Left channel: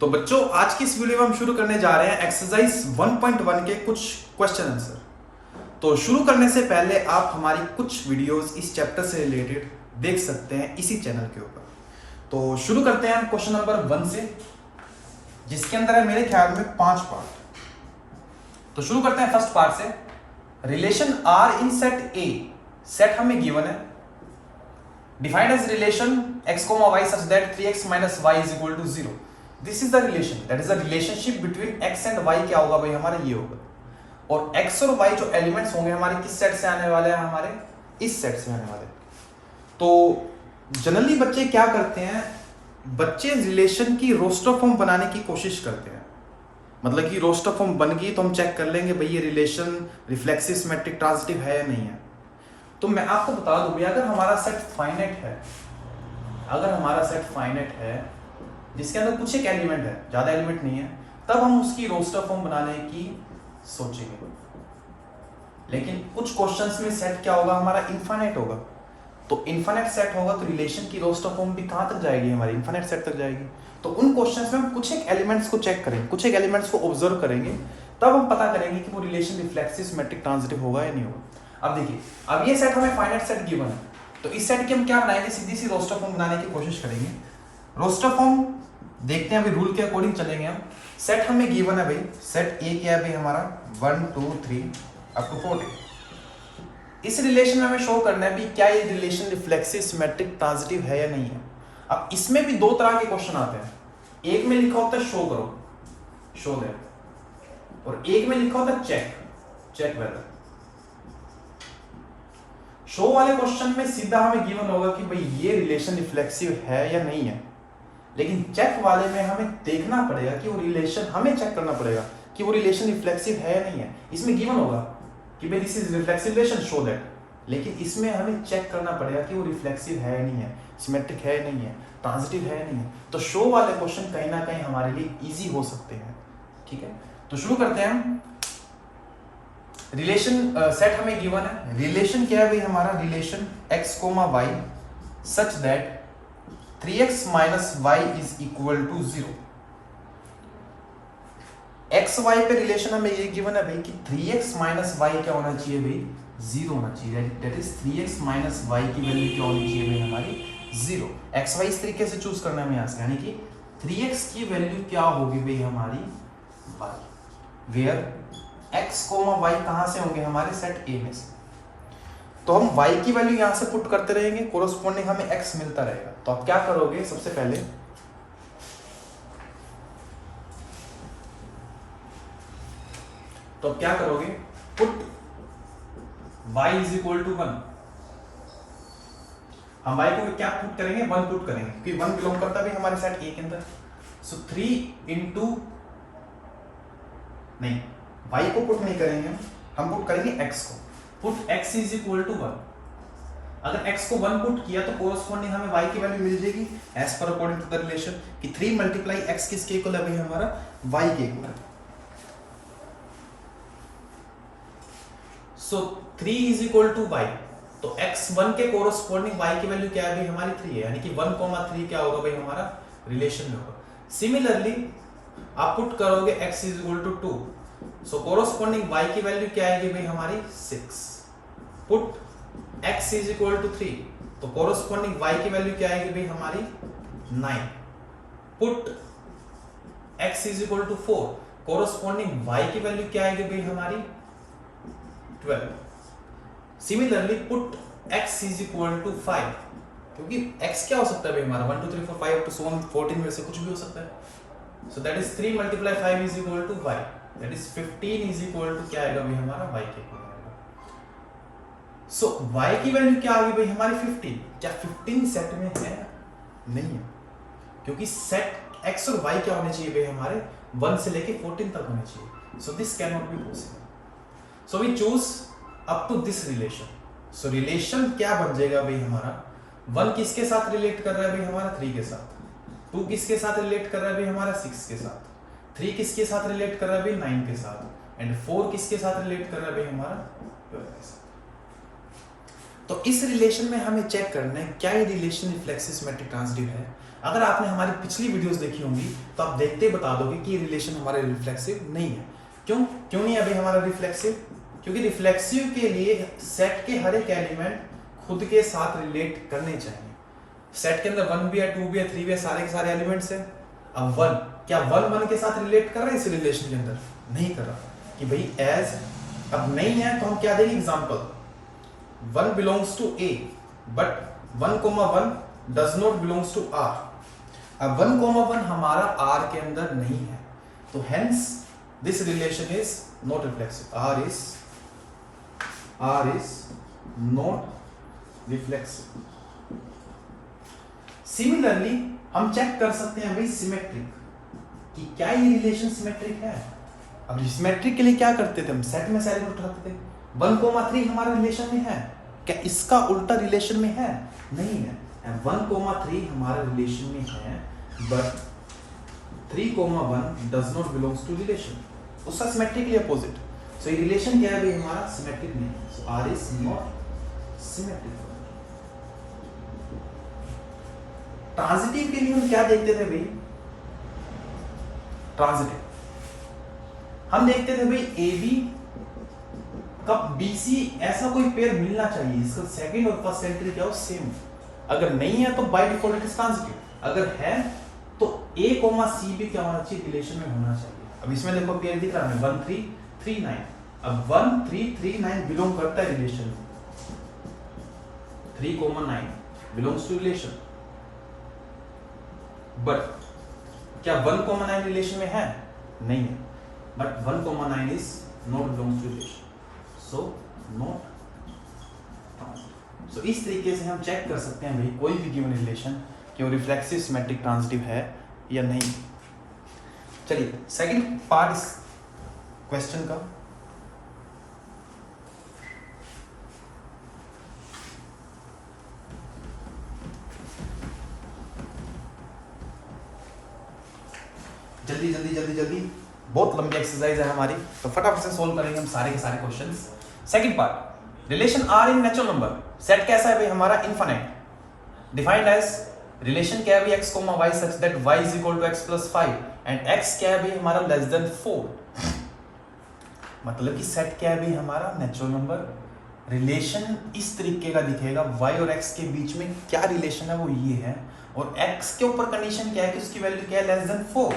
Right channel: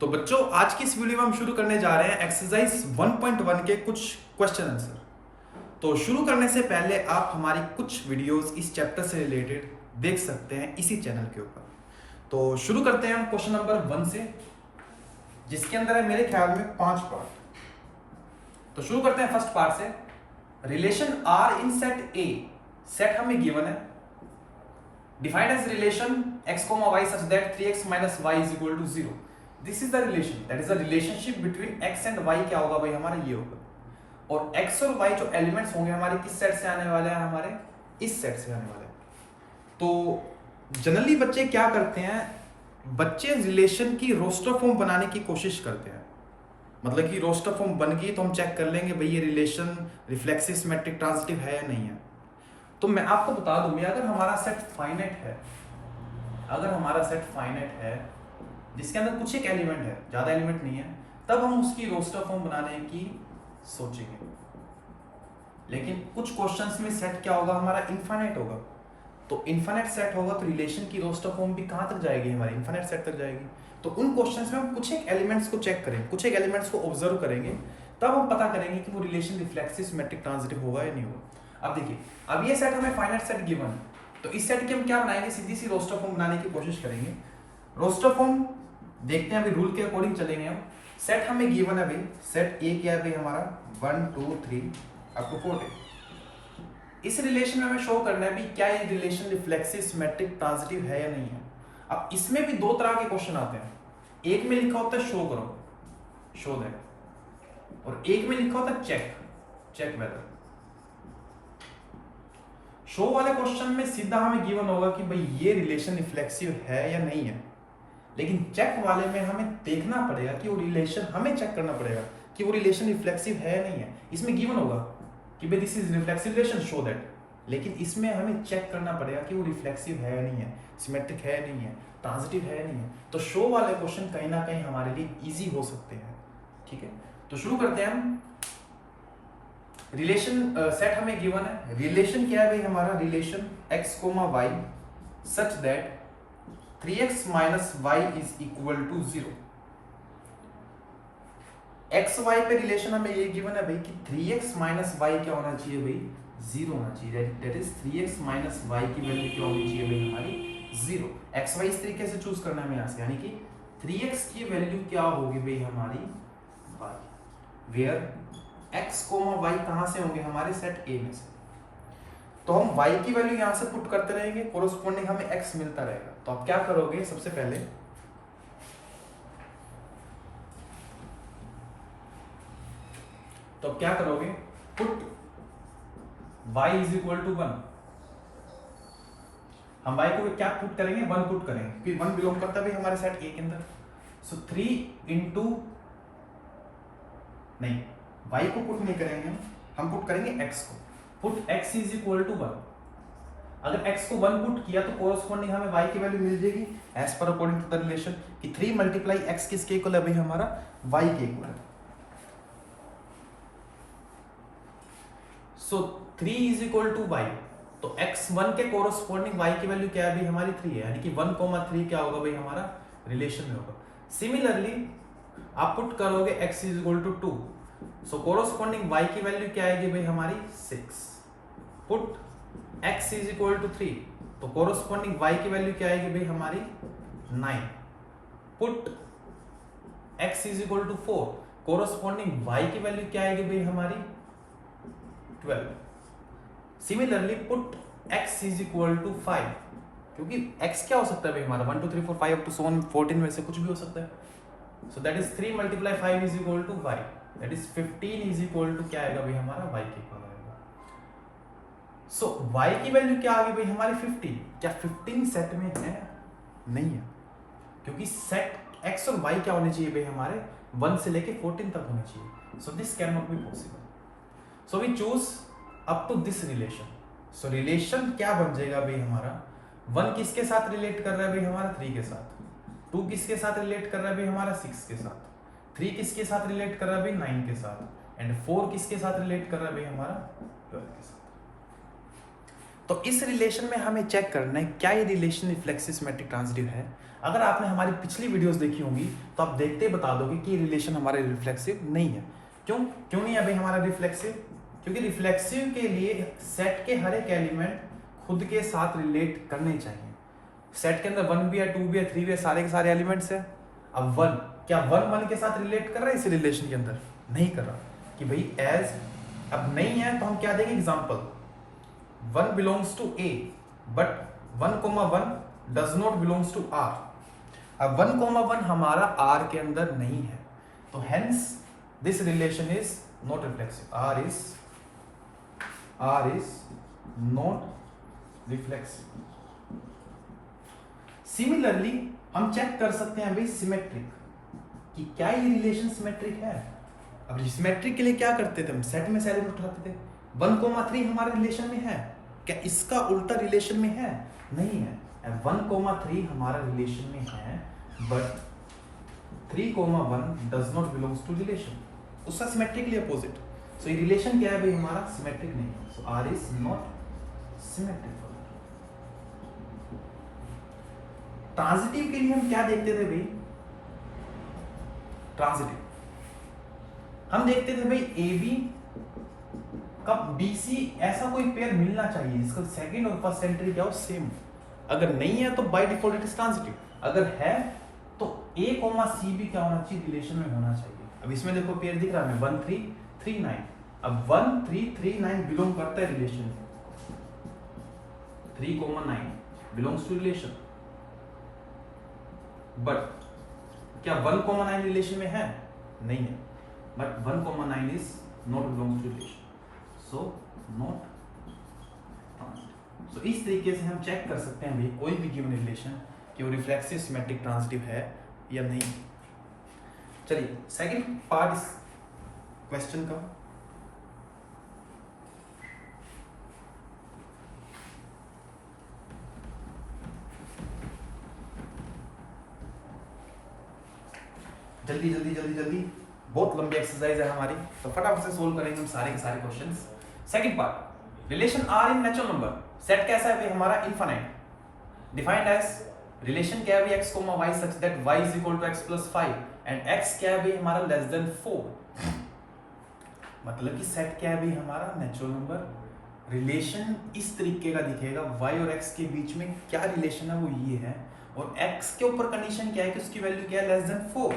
तो बच्चों आज की इस वीडियो में हम शुरू करने जा रहे हैं एक्सरसाइज 1.1 के कुछ क्वेश्चन आंसर। तो शुरू करने से पहले आप हमारी कुछ वीडियोस इस चैप्टर से रिलेटेड देख सकते हैं इसी चैनल के ऊपर। तो शुरू करते हैं हम क्वेश्चन नंबर 1 से, जिसके अंदर है मेरे ख्याल में 5 पार्ट। तो शुरू करते हैं फर्स्ट पार्ट से। Relation are in set A, set हमें गिवन है, defined as relation x, y such that 3x minus y is equal to 0। This is the relation, that is the relationship between x and y। क्या होगा भाई हमारा ये होगा, और x और y जो एलिमेंट्स होंगे हमारे किस सेट से आने वाले हैं, हमारे इस सेट से आने वाले। तो जनरली बच्चे क्या करते हैं, बच्चे रिलेशन की रोस्टर फॉर्म बनाने की कोशिश करते हैं। मतलब कि रोस्टर फॉर्म बन गई तो हम चेक कर लेंगे भाई ये रिलेशन रिफ्लेक्सिव सिमेट्रिक ट्रांजिटिव है या नहीं है। तो मैं आपको बता दूं भैया, अगर हमारा सेट फाइनाइट है, अगर हमारा सेट फाइनाइट है जिसके अंदर कुछ एक एलिमेंट है, ज्यादा एलिमेंट नहीं है, तब हम उसकी रोस्टर फॉर्म बनाने की सोचेंगे। लेकिन कुछ क्वेश्चंस में सेट क्या होगा, हमारा इनफाइनाइट होगा। तो इनफाइनाइट सेट होगा तो रिलेशन की रोस्टर फॉर्म भी कहां तक जाएगी, हमारी इनफाइनाइट सेट तक जाएगी। तो उन क्वेश्चंस में हम कुछ एक एलिमेंट्स को चेक करेंगे, कुछ एक एलिमेंट्स को ऑब्जर्व करेंगे, तब हम पता करेंगे कि वो रिलेशन रिफ्लेक्सिव सिमेट्रिक ट्रांजिटिव होगा या नहीं होगा। अब देखिए, अब ये सेट हमें फाइनाइट सेट गिवन है, तो इस सेट की हम क्या बनाएंगे, सीधी सी रोस्टर फॉर्म बनाने की कोशिश करेंगे। रोस्टर फॉर्म देखते हैं, अभी रूल के अकॉर्डिंग चलेंगे हम। सेट हमें गिवन है भाई, सेट ए क्या है भाई हमारा 1 2 3 अप टू 4। इस रिलेशन में हमें शो करना है भी क्या ये रिलेशन रिफ्लेक्सिव सिमेट्रिक ट्रांजिटिव है या नहीं है। अब इसमें भी दो तरह के क्वेश्चन आते हैं, एक में लिखा होता है शो करो, शो दैट, और एक में लिखा होता है चेक, चेक वेदर। शो वाले क्वेश्चन में सीधा हमें गिवन होगा कि भाई ये रिलेशन रिफ्लेक्सिव है या नहीं है, लेकिन चेक वाले में हमें देखना पड़ेगा कि वो रिलेशन, हमें चेक करना पड़ेगा कि वो रिलेशन रिफ्लेक्सिव है या नहीं है। इसमें गिवन होगा कि भाई this is reflexive relation, show that, लेकिन इसमें हमें चेक करना पड़ेगा कि वो रिफ्लेक्सिव है या नहीं है, सिमेट्रिक है या नहीं है, ट्रांजिटिव है या नहीं है। तो शो वाले क्वेश्चन कहीं ना कहीं हमारे लिए इजी हो सकते हैं। ठीक है, तो शुरू करते हैं हम। रिलेशन सेट हमें गिवन है, रिलेशन क्या है भाई हमारा, relation x, y such that 3x minus y is equal to 0। x y पे रिलेशन हमें ये गिवन है भाई कि 3x minus y क्या होना चाहिए भाई, 0 होना चाहिए। That is 3x minus y की वैल्यू क्या होनी चाहिए भाई हमारी 0। x y इस तरीके से चूज करना है हमें यहाँ से, यानी कि 3x की वैल्यू क्या होगी भाई हमारी y, वेयर x, y कहां से होंगे, हमारे सेट A में से। तो हम y की वैल्यू यहां से पुट करते रहेंगे, कोरोस्पोंडिंग हमें x मिलता रहेगा। तो आप क्या करोगे, सबसे पहले तो आप क्या करोगे, put y is equal to 1। हम y को क्या पुट करेंगे, 1 पुट करेंगे, क्योंकि 1 बिलोंग करता भी हमारे सेट A के अंदर। सो 3 इंटू, नहीं y को पुट नहीं करेंगे, हम पुट करेंगे x को। Put x is equal to 1। अगर x को 1 पुट किया तो कोरोस्पोंडिंग हमें y की वैल्यू मिल जाएगी as per according to the relation कि 3 मल्टीप्लाई x किसके इक्वल है भाई हमारा y के इक्वल है। सो 3 इज इक्वल टू y, तो x1 के कोरोस्पोंडिंग y की वैल्यू क्या है भाई हमारी 3 है, यानी कि 1,3 क्या होगा भाई हमारा रिलेशन में होगा। सिमिलरली आप पुट करोगे x is equal to 2, so corresponding y की वैल्यू क्या आएगी भाई हमारी 6। Put x is equal to 3, तो कोरोस्पोंडिंग y की वैल्यू क्या आएगी भाई हमारी 9। Put x is equal to 4, corresponding y की वैल्यू क्या आएगी भाई हमारी 12। Similarly put x is equal to 5, क्योंकि x क्या हो सकता है भाई हमारा 1 2 3 4 5 तो 14 में से कुछ भी हो सकता है। So that is 3 multiply 5 is equal to 5, that is 15 is equal to क्या आएगा भाई हमारा y के इक्वल आएगा। सो y की वैल्यू क्या आ गई भाई हमारी 15। क्या 15 सेट में है, नहीं है, क्योंकि सेट x और y क्या होने चाहिए भाई हमारे 1 से लेके 14 तक होने चाहिए। So this can not be possible, so we choose up to this relation. So relation क्या बन जाएगा भाई हमारा, 1 किसके साथ रिलेट कर रहा है भाई हमारा 3 के साथ, 2 किसके साथ रिलेट कर रहा है भाई हमारा 6 के साथ, 3 किसके साथ रिलेट कर रहा है भाई 9 के साथ, एंड 4 किसके साथ रिलेट कर रहा है भाई हमारा 12 के साथ। तो इस रिलेशन में हमें चेक करना है क्या ये रिलेशन रिफ्लेक्सिव सिमेट्रिक ट्रांजिटिव है। अगर आपने हमारी पिछली वीडियोस देखी होंगी तो आप देखते बता दोगे कि ये रिलेशन हमारे रिफ्लेक्सिव नहीं है। क्यों नहीं है भाई हमारा रिफ्लेक्सिव? क्योंकि रिफ्लेक्सिव के लिए सेट के हर एक एलिमेंट खुद के साथ रिलेट करने चाहिए। सेट के अंदर 1 भी है, 2 भी है, 3 भी है, सारे के सारे एलिमेंट्स हैं। अब 1 क्या 1 के साथ रिलेट कर रहा है इस रिलेशन के अंदर? नहीं कर रहा कि भाई एज अब नहीं है तो हम क्या देंगे example 1 belongs to a but 1,1 does not belongs to R. अब 1,1 हमारा आर के अंदर नहीं है तो hence this relation is not reflexive. R is not reflexive. Similarly हम चेक कर सकते हैं भाई सिमेट्रिक कि क्या ये रिलेशन सिमेट्रिक है। अब सिमेट्रिक के लिए क्या करते थे हम? सेट में से एलिमेंट उठाते थे। 1,3 हमारे रिलेशन में है, क्या इसका उल्टा रिलेशन में है? नहीं है। 1,3 हमारा रिलेशन में है but 3,1 does not belongs to relation. उसका सिमेट्रिकली अपोजिट। सो ये रिलेशन क्या है भाई हमारा? सिमेट्रिक नहीं है। So R is not symmetric. Transitive के लिए हम क्या देखते थे भाई? ट्रांजिटिव हम देखते थे भाई ए बी का BC ऐसा कोई पेयर मिलना चाहिए इसका सेकंड और फर्स्ट सेंटर क्या हो सेम। अगर नहीं है तो bye default it is transitive. अगर है तो A, C भी क्या होना चाहिए? रिलेशन में होना चाहिए। अब इसमें देखो पेयर दिख रहा है 1 3 3 9। अब 1 3 3 9 बिलोंग करता है रिलेशन में। 3,9 बिलोंग्स टू रिलेशन बट क्या 1,9 रिलेशन में है? नहीं है। But 1,9 is not belongs to relation. So not. So इस तरीके से हम चेक कर सकते हैं भाई कोई भी गिवन रिलेशन कि वो रिफ्लेक्सिव सिमेट्रिक ट्रांजिटिव है या नहीं। चलिए सेकंड पार्ट इस क्वेश्चन का। जल्दी बहुत लंबी एक्सरसाइज है हमारी तो फटाफट से सोल्व करेंगे हम सारे के सारे questions. Second part relation are in natural number. Set कैसा है भाई हमारा? इनफाइनाइट। डिफाइंड एज रिलेशन क्या है भाई x, y such that y is equal to x plus 5 and x क्या है भाई हमारा लेस देन 4। मतलब कि सेट क्या है भाई हमारा? Natural number. रिलेशन इस तरीके का दिखेगा y और x के बीच में क्या रिलेशन है वो ये है और x के ऊपर कंडीशन क्या है कि उसकी वैल्यू क्या है? Less than 4।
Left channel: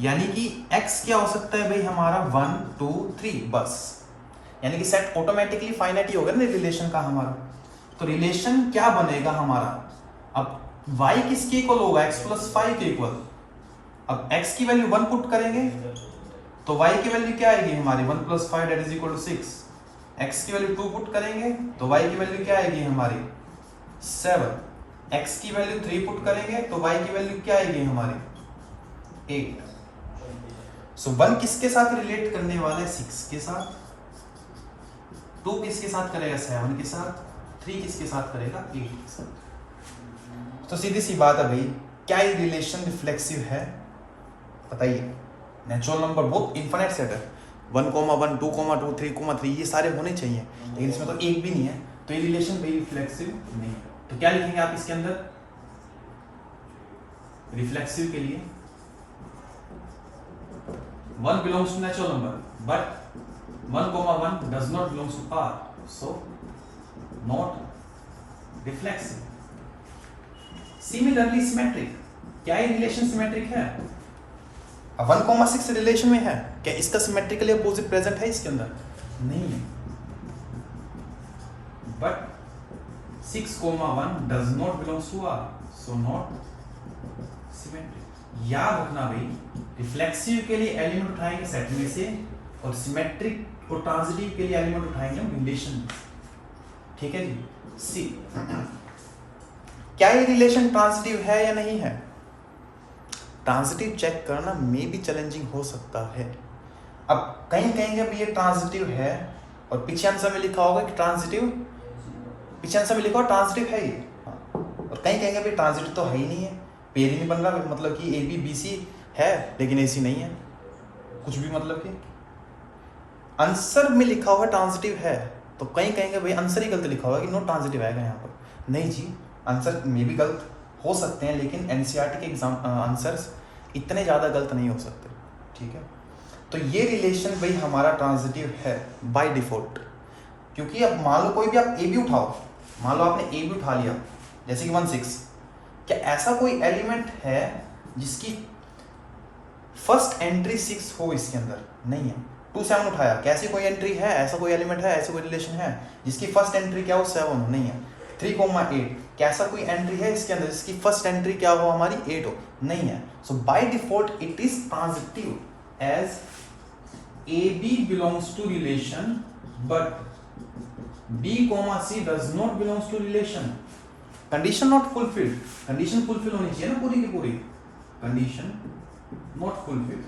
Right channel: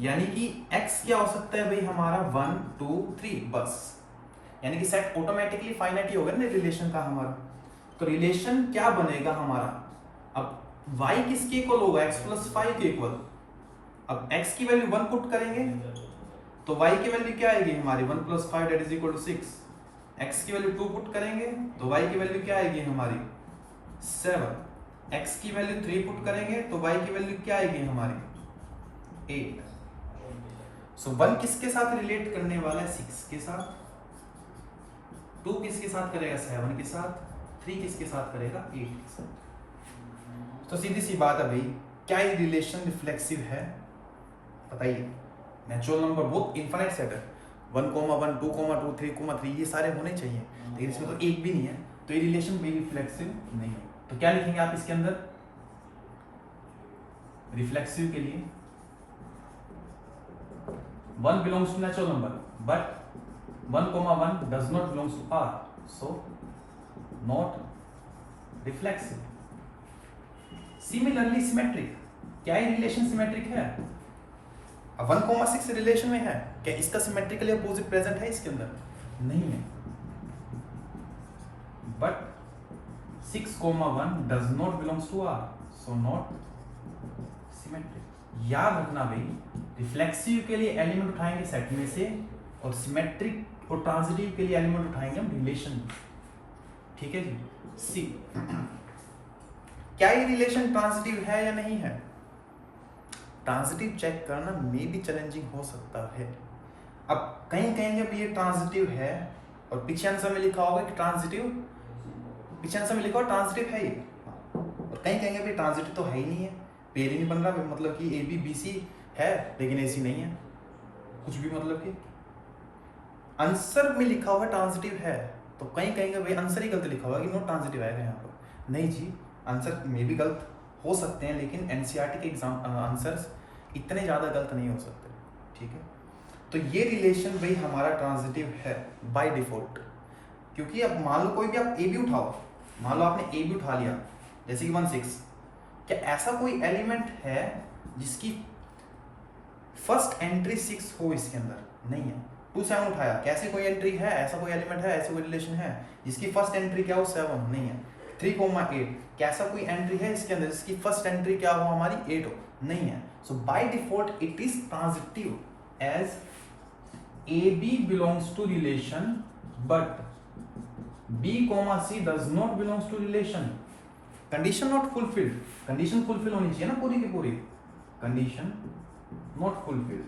यानी कि x क्या हो सकता है भाई हमारा? 1 2 3 बस। यानी कि सेट ऑटोमेटिकली फाइनाइट ही होगा ना रिलेशन का हमारा। तो रिलेशन क्या बनेगा हमारा? अब y किसके इक्वल होगा? x plus 5 के इक्वल। अब x की वैल्यू 1 पुट करेंगे तो y की वैल्यू क्या आएगी हमारी? 1 plus 5 that is equal to 6। x की वैल्यू 2 पुट करेंगे तो y की वैल्यू क्या आएगी हमारी? 7। x की वैल्यू 3 पुट करेंगे तो y की वैल्यू क्या आएगी हमारी? 8। सो 1 किसके साथ रिलेट करने वाला है? 6 के साथ। 2 किसके साथ करेगा? 7 के साथ। 3 किसके साथ करेगा? 8 के साथ। तो सीधी सी बात है भाई क्या ये रिलेशन रिफ्लेक्सिव है? बताइए। नेचुरल नंबर बहुत इनफिनिट सेट है 1,1 2,2 3,3 ये सारे होने चाहिए लेकिन इसमें तो एक भी नहीं है तो ये रिलेशन भाई रिफ्लेक्सिव नहीं है। तो क्या लिखेंगे आप इसके अंदर? रिफ्लेक्सिव के लिए 1 belongs to natural number but 1,1 does not belongs to R, so not reflexive. Similarly symmetric, क्या ये रिलेशन सिमेट्रिक है? 1,6 रिलेशन में है, क्या इसका सिमेट्रिकली अपोजिट प्रेजेंट है इसके अंदर? नहीं है। But 6,1 does not belongs to R, so not symmetric. याद रखना भाई रिफ्लेक्सिव के लिए एलिमेंट उठाएंगे सेट में से और सिमेट्रिक और ट्रांजिटिव के लिए एलिमेंट उठाएंगे हम रिलेशन। ठीक है जी। सी क्या ये रिलेशन ट्रांजिटिव है या नहीं है? ट्रांजिटिव चेक करना मे भी चैलेंजिंग हो सकता है। अब कहीं कहेंगे अब ये ट्रांजिटिव है और पीछे आंसर में लिखा होगा कि ट्रांजिटिव, पीछे आंसर में लिखा होगा ट्रांजिटिव है ये, और कहीं कहेंगे भाई ट्रांजिटिव तो है ही नहीं है, पेयर ही नहीं बन रहा, मतलब कि ए बी बी सी है लेकिन ऐसी नहीं है कुछ भी, मतलब कि आंसर में लिखा हुआ ट्रांजिटिव है तो कहीं कहेंगे भाई आंसर ही गलत लिखा होगा कि नॉट ट्रांजिटिव आएगा यहाँ पर। नहीं जी, आंसर में भी गलत हो सकते हैं, लेकिन एनसीईआरटी के एग्जाम आंसर्स इतने ज़्यादा गलत नहीं हो सकते। ठीक है, तो ये रिलेशन भाई हमारा ट्रांजिटिव है बाय डिफॉल्ट, क्योंकि अब मान लो कोई भी आप ए भी उठाओ, मान लो आपने ए भी उठा लिया जैसे कि 16, क्या ऐसा कोई एलिमेंट है जिसकी फर्स्ट एंट्री 6 हो इसके अंदर? नहीं है। 27 उठाया, कैसी कोई एंट्री है, ऐसा कोई एलिमेंट है, ऐसा कोई रिलेशन है जिसकी फर्स्ट एंट्री क्या हो 7 हो? नहीं है। 3,8 कैसा कोई एंट्री है इसके अंदर जिसकी फर्स्ट एंट्री क्या हो हमारी 8 हो? नहीं है। So by default it is transitive as AB belongs to relation but B, C does not belongs to relation. Condition not fulfilled, condition fulfil होनी चाहिए ना पूरी की पूरी, condition not fulfilled.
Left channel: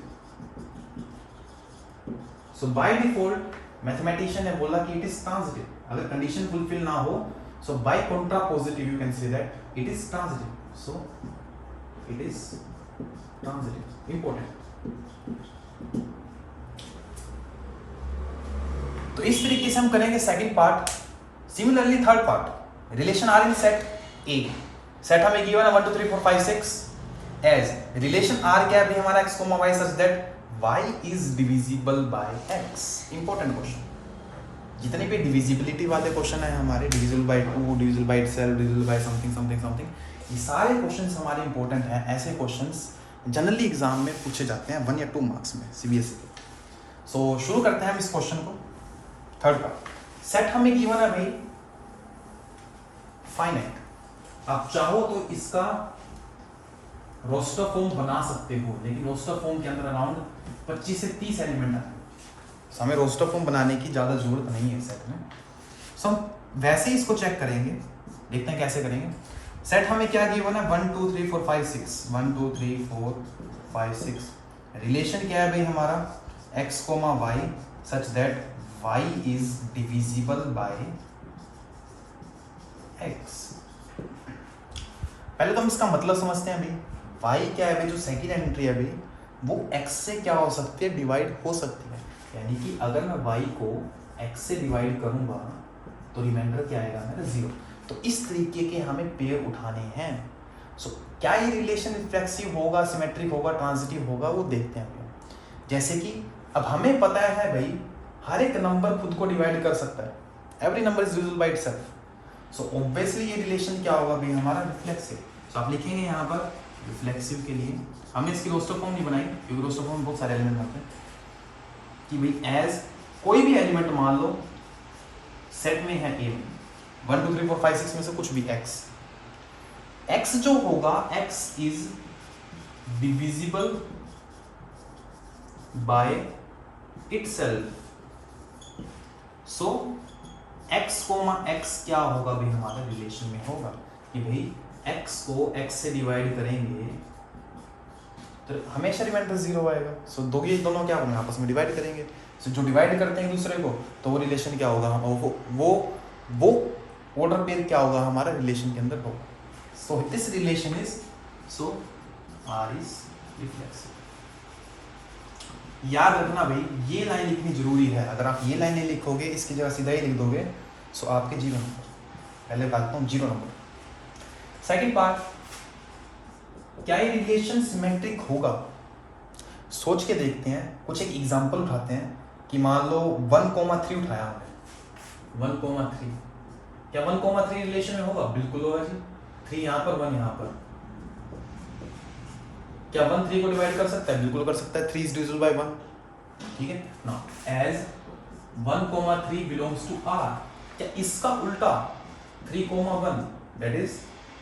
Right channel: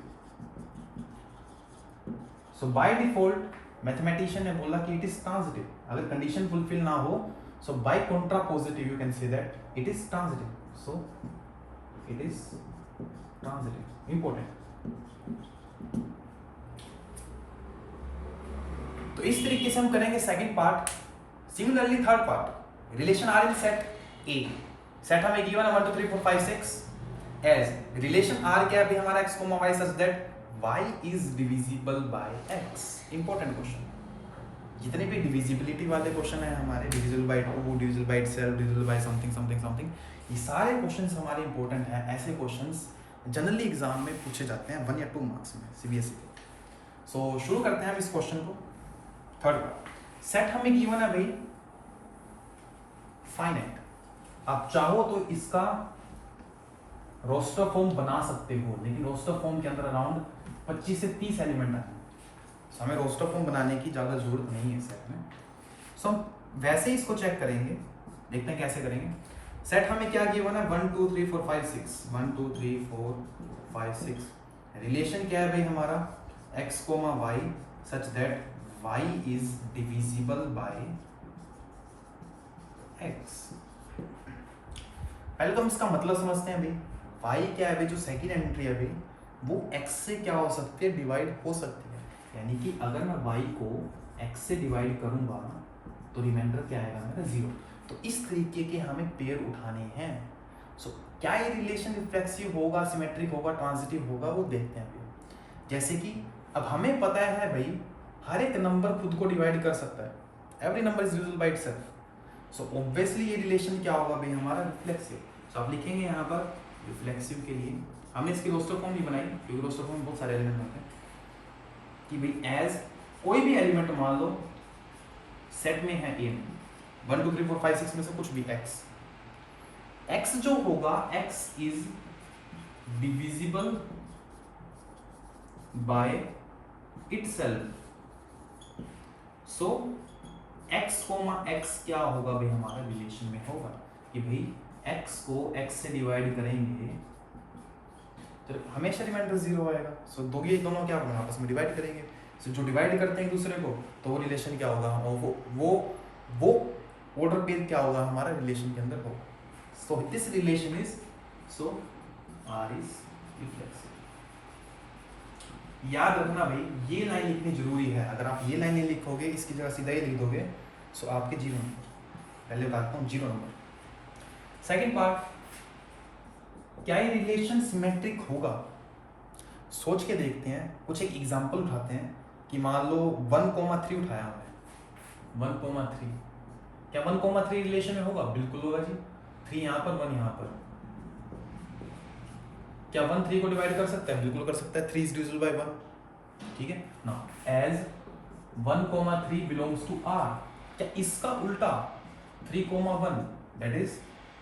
So by default mathematician ने बोला कि it is transitive. अगर कंडीशन फुलफिल ना हो, so by contrapositive you can say that it is transitive. So it is transitive, important. तो इस तरीके से हम करेंगे second part. Similarly third part, relation are in set A. Set हमें गिवन है 1 2 3 4 5 6 एज रिलेशन आर क्या है भी हमारा x, y such that y is divisible by x। Important question. जितने भी डिविजिबिलिटी वाले क्वेश्चन है हमारे, divisible by 2, divisible by itself, divisible by something something something, ये सारे क्वेश्चंस हमारे इंपॉर्टेंट हैं। ऐसे क्वेश्चंस जनरली एग्जाम में पूछे जाते हैं 1 या 2 मार्क्स में सीबीएसई के। सो शुरू करते हैं हम इस क्वेश्चन को। थर्ड पार्ट, सेट हमें गिवन है भाई फाइनाइट। आप चाहो तो इसका रोस्टर फॉर्म बना सकते हो, लेकिन रोस्टर फॉर्म के अंदर अराउंड 25 से 30 एलिमेंट आते हैं। सो हमें रोस्टर फॉर्म बनाने की ज्यादा जरूरत नहीं है सेट में। सो हम वैसे ही इसको चेक करेंगे, देखते हैं कैसे करेंगे। सेट हमें क्या गिवन है 1 2 3 4 5 6, 1 2 3 4 5 6। रिलेशन क्या है भाई हमारा x, y such that y is divisible by x। पहले तो हम इसका मतलब समझते हैं भाई। y क्या है भाई, जो सेकंड एंट्री है भाई वो x से क्या हो सकती है, डिवाइड हो सकती है। यानी कि अगर मैं y को x से डिवाइड करूंगा तो रिमाइंडर क्या आएगा मेरा 0। तो इस तरीके के हमें पेयर उठाने हैं। सो क्या ये रिलेशन रिफ्लेक्सिव होगा, सिमेट्रिक होगा, ट्रांजिटिव होगा, वो देखते हैं भाई। जैसे कि अब हमें पता है भाई हर एक नंबर खुद को डिवाइड कर सकता है, every number is divisible by itself. So obviously ये रिलेशन क्या होगा भाई हमारा रिफ्लेक्सिव। सो आप लिखेंगे यहाँ पर रिफ्लेक्सिव के लिए हमने इसकी रोस्टर फॉर्म नहीं बनाई, क्योंकि रोस्टर फॉर्म में बहुत सारे एलिमेंट होते हैं कि भाई एज कोई भी एलिमेंट मान लो सेट में है ए, 1 2 3 4 5 6 में से कुछ भी x जो होगा x is divisible by itself. So x, x क्या होगा भाई हमारे रिलेशन में होगा कि भाई x को x से डिवाइड करेंगे तो हमेशा रिमाइंडर 0 आएगा। सो ये दोनों क्या होंगे, आपस में डिवाइड करेंगे। सो जो डिवाइड करते हैं दूसरे को तो वो रिलेशन क्या होगा, वो ऑर्डर पेयर क्या होगा हमारा रिलेशन के अंदर होगा। सो this relation is so r is reflexive. याद रखना भाई ये लाइन लिखनी जरूरी है। अगर आप ये लाइन नहीं लिखोगे, इसकी जगह सीधा ही लिख दोगे, सो आपके 0 नंबर। पहले बताता हूँ 0 नंबर। सेकंड पार्ट, क्या ये रिलेशन सिमेट्रिक होगा? सोच के देखते हैं, कुछ एक एग्जांपल उठाते हैं कि मान लो 1,3 उठाया हमने, 1,3 क्या 1,3 रिलेशन में होगा? बिल्कुल होगा जी। 3 यहाँ पर 1 यहाँ पर, क्या 1 3 को डिवाइड कर सकता है? बिल्कुल कर सकता है। 3 इज डिविजिबल बाय 1। ठीक है ना, एज 1,3 बिलोंग्स टू R। क्या इसका उल्टा 3,1 दैट इज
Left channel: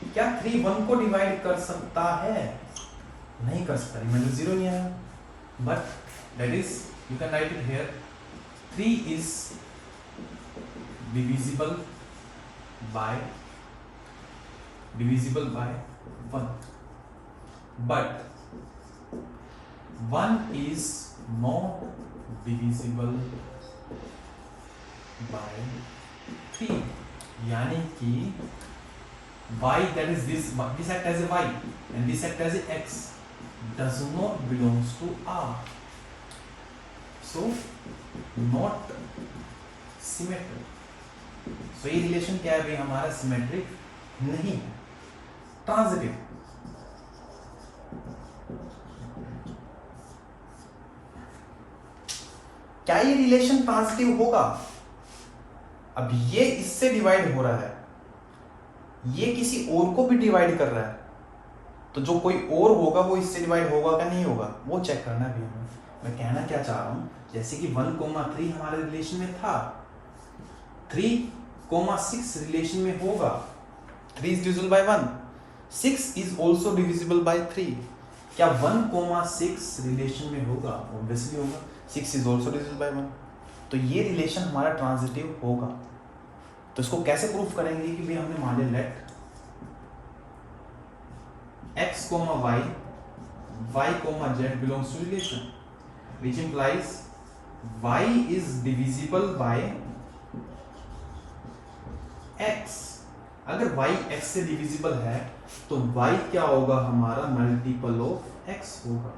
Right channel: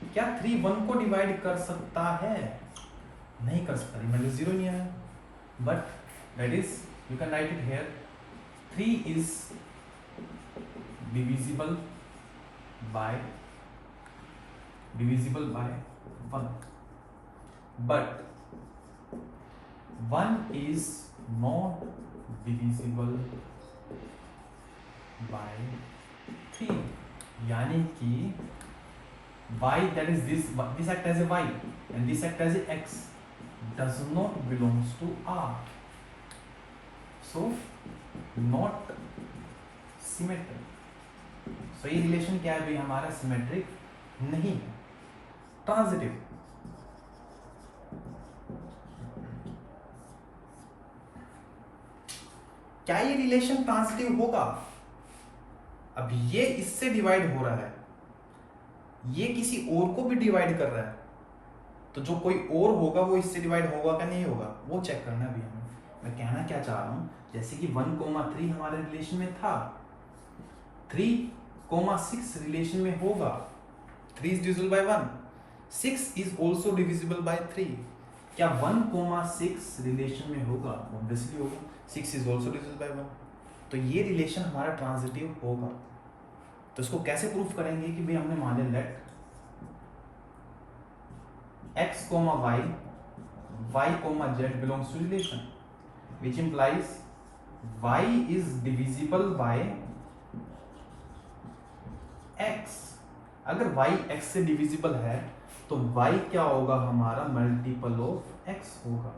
क्या 3 1 को डिवाइड कर सकता है? नहीं कर सकता, रिमाइंडर 0 ही है। But that is you can write it here 3 is divisible by 1 but 1 is not divisible by 3। यानी कि y that is this act as a y and this act as a x does not belongs to R, so not symmetric। सो ये relation क्या है भाई हमारा, symmetric नहीं है, transitive. क्या ये रिलेशन ट्रांजिटिव होगा? अब ये इससे डिवाइड हो रहा है, ये किसी और को भी डिवाइड कर रहा है, तो जो कोई और होगा वो इससे डिवाइड होगा क्या नहीं होगा, वो चेक करना भी हमें। मैं कहना क्या चाह रहा हूं, जैसे कि 1,3 हमारे रिलेशन में था, 3,6 रिलेशन में होगा, 3 is divisible by 1, 6 is also divisible by 3। क्या 1,6 रिलेशन में होगा? ऑब्वियसली होगा, 6 is also divisible by 1। तो ये रिलेशन हमारा ट्रांजिटिव होगा। तो इसको कैसे प्रूफ करेंगे कि भाई हमने मान लिया late x, y, y, z belongs to relation, which implies y is divisible by x। अगर y x से डिविजिबल है तो y क्या होगा हमारा, मल्टीपल ऑफ x होगा।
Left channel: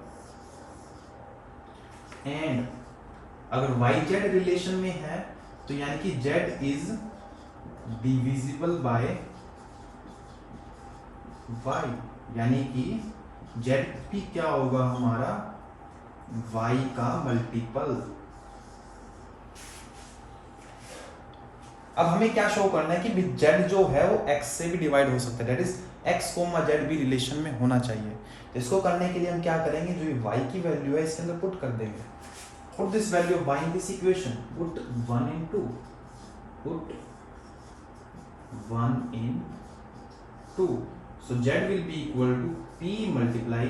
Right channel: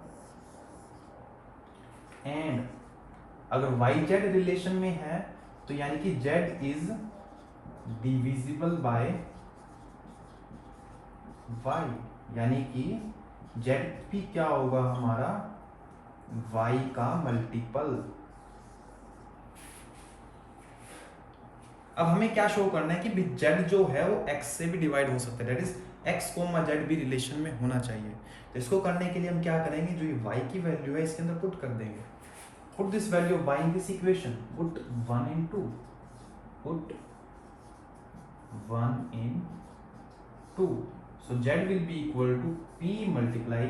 एंड अगर y z रिलेशन में है तो यानी कि z is divisible by y, यानी कि z भी क्या होगा हमारा, y का मल्टीपल। अब हमें क्या शो करना है कि z जो है वो x से भी डिवाइड हो सकता है, दैट इज x, z भी रिलेशन में होना चाहिए। तो इसको करने के लिए हम क्या करेंगे, जो ये y की वैल्यू है इसके अंदर पुट कर देंगे। Put this value y in this equation, put 1 in 2, put 1 in 2, so z will be equal to p multiply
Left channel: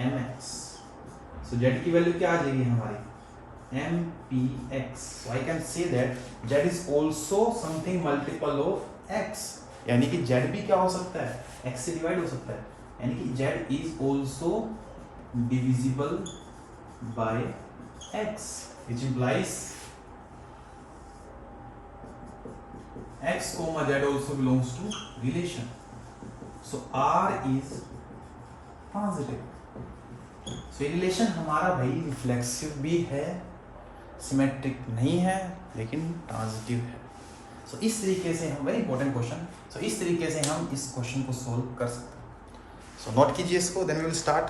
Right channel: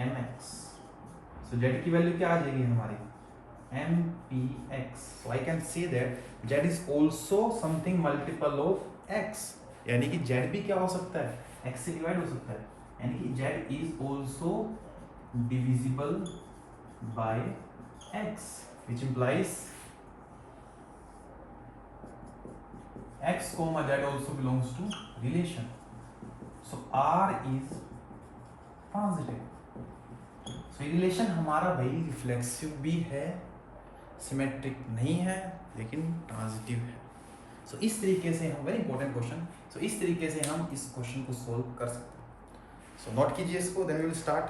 mx। so z की वैल्यू क्या आ जाएगी हमारी, mpx। so I can say that z is also something multiple of x, यानी कि z भी क्या हो सकता है, x से डिवाइड हो सकता है, यानी कि z is also divisible by x, which implies x, z also belongs to relation। so R is transitive. So ये रिलेशन हमारा भाई रिफ्लेक्सिव भी है, सिमेट्रिक नहीं है, लेकिन ट्रांजिटिव है। सो इस तरीके से हम, वेरी इंपॉर्टेंट क्वेश्चन, सो इस तरीके से हम इस क्वेश्चन को सोल्व कर सकते हैं। सो नोट कीजिए इसको, then we will start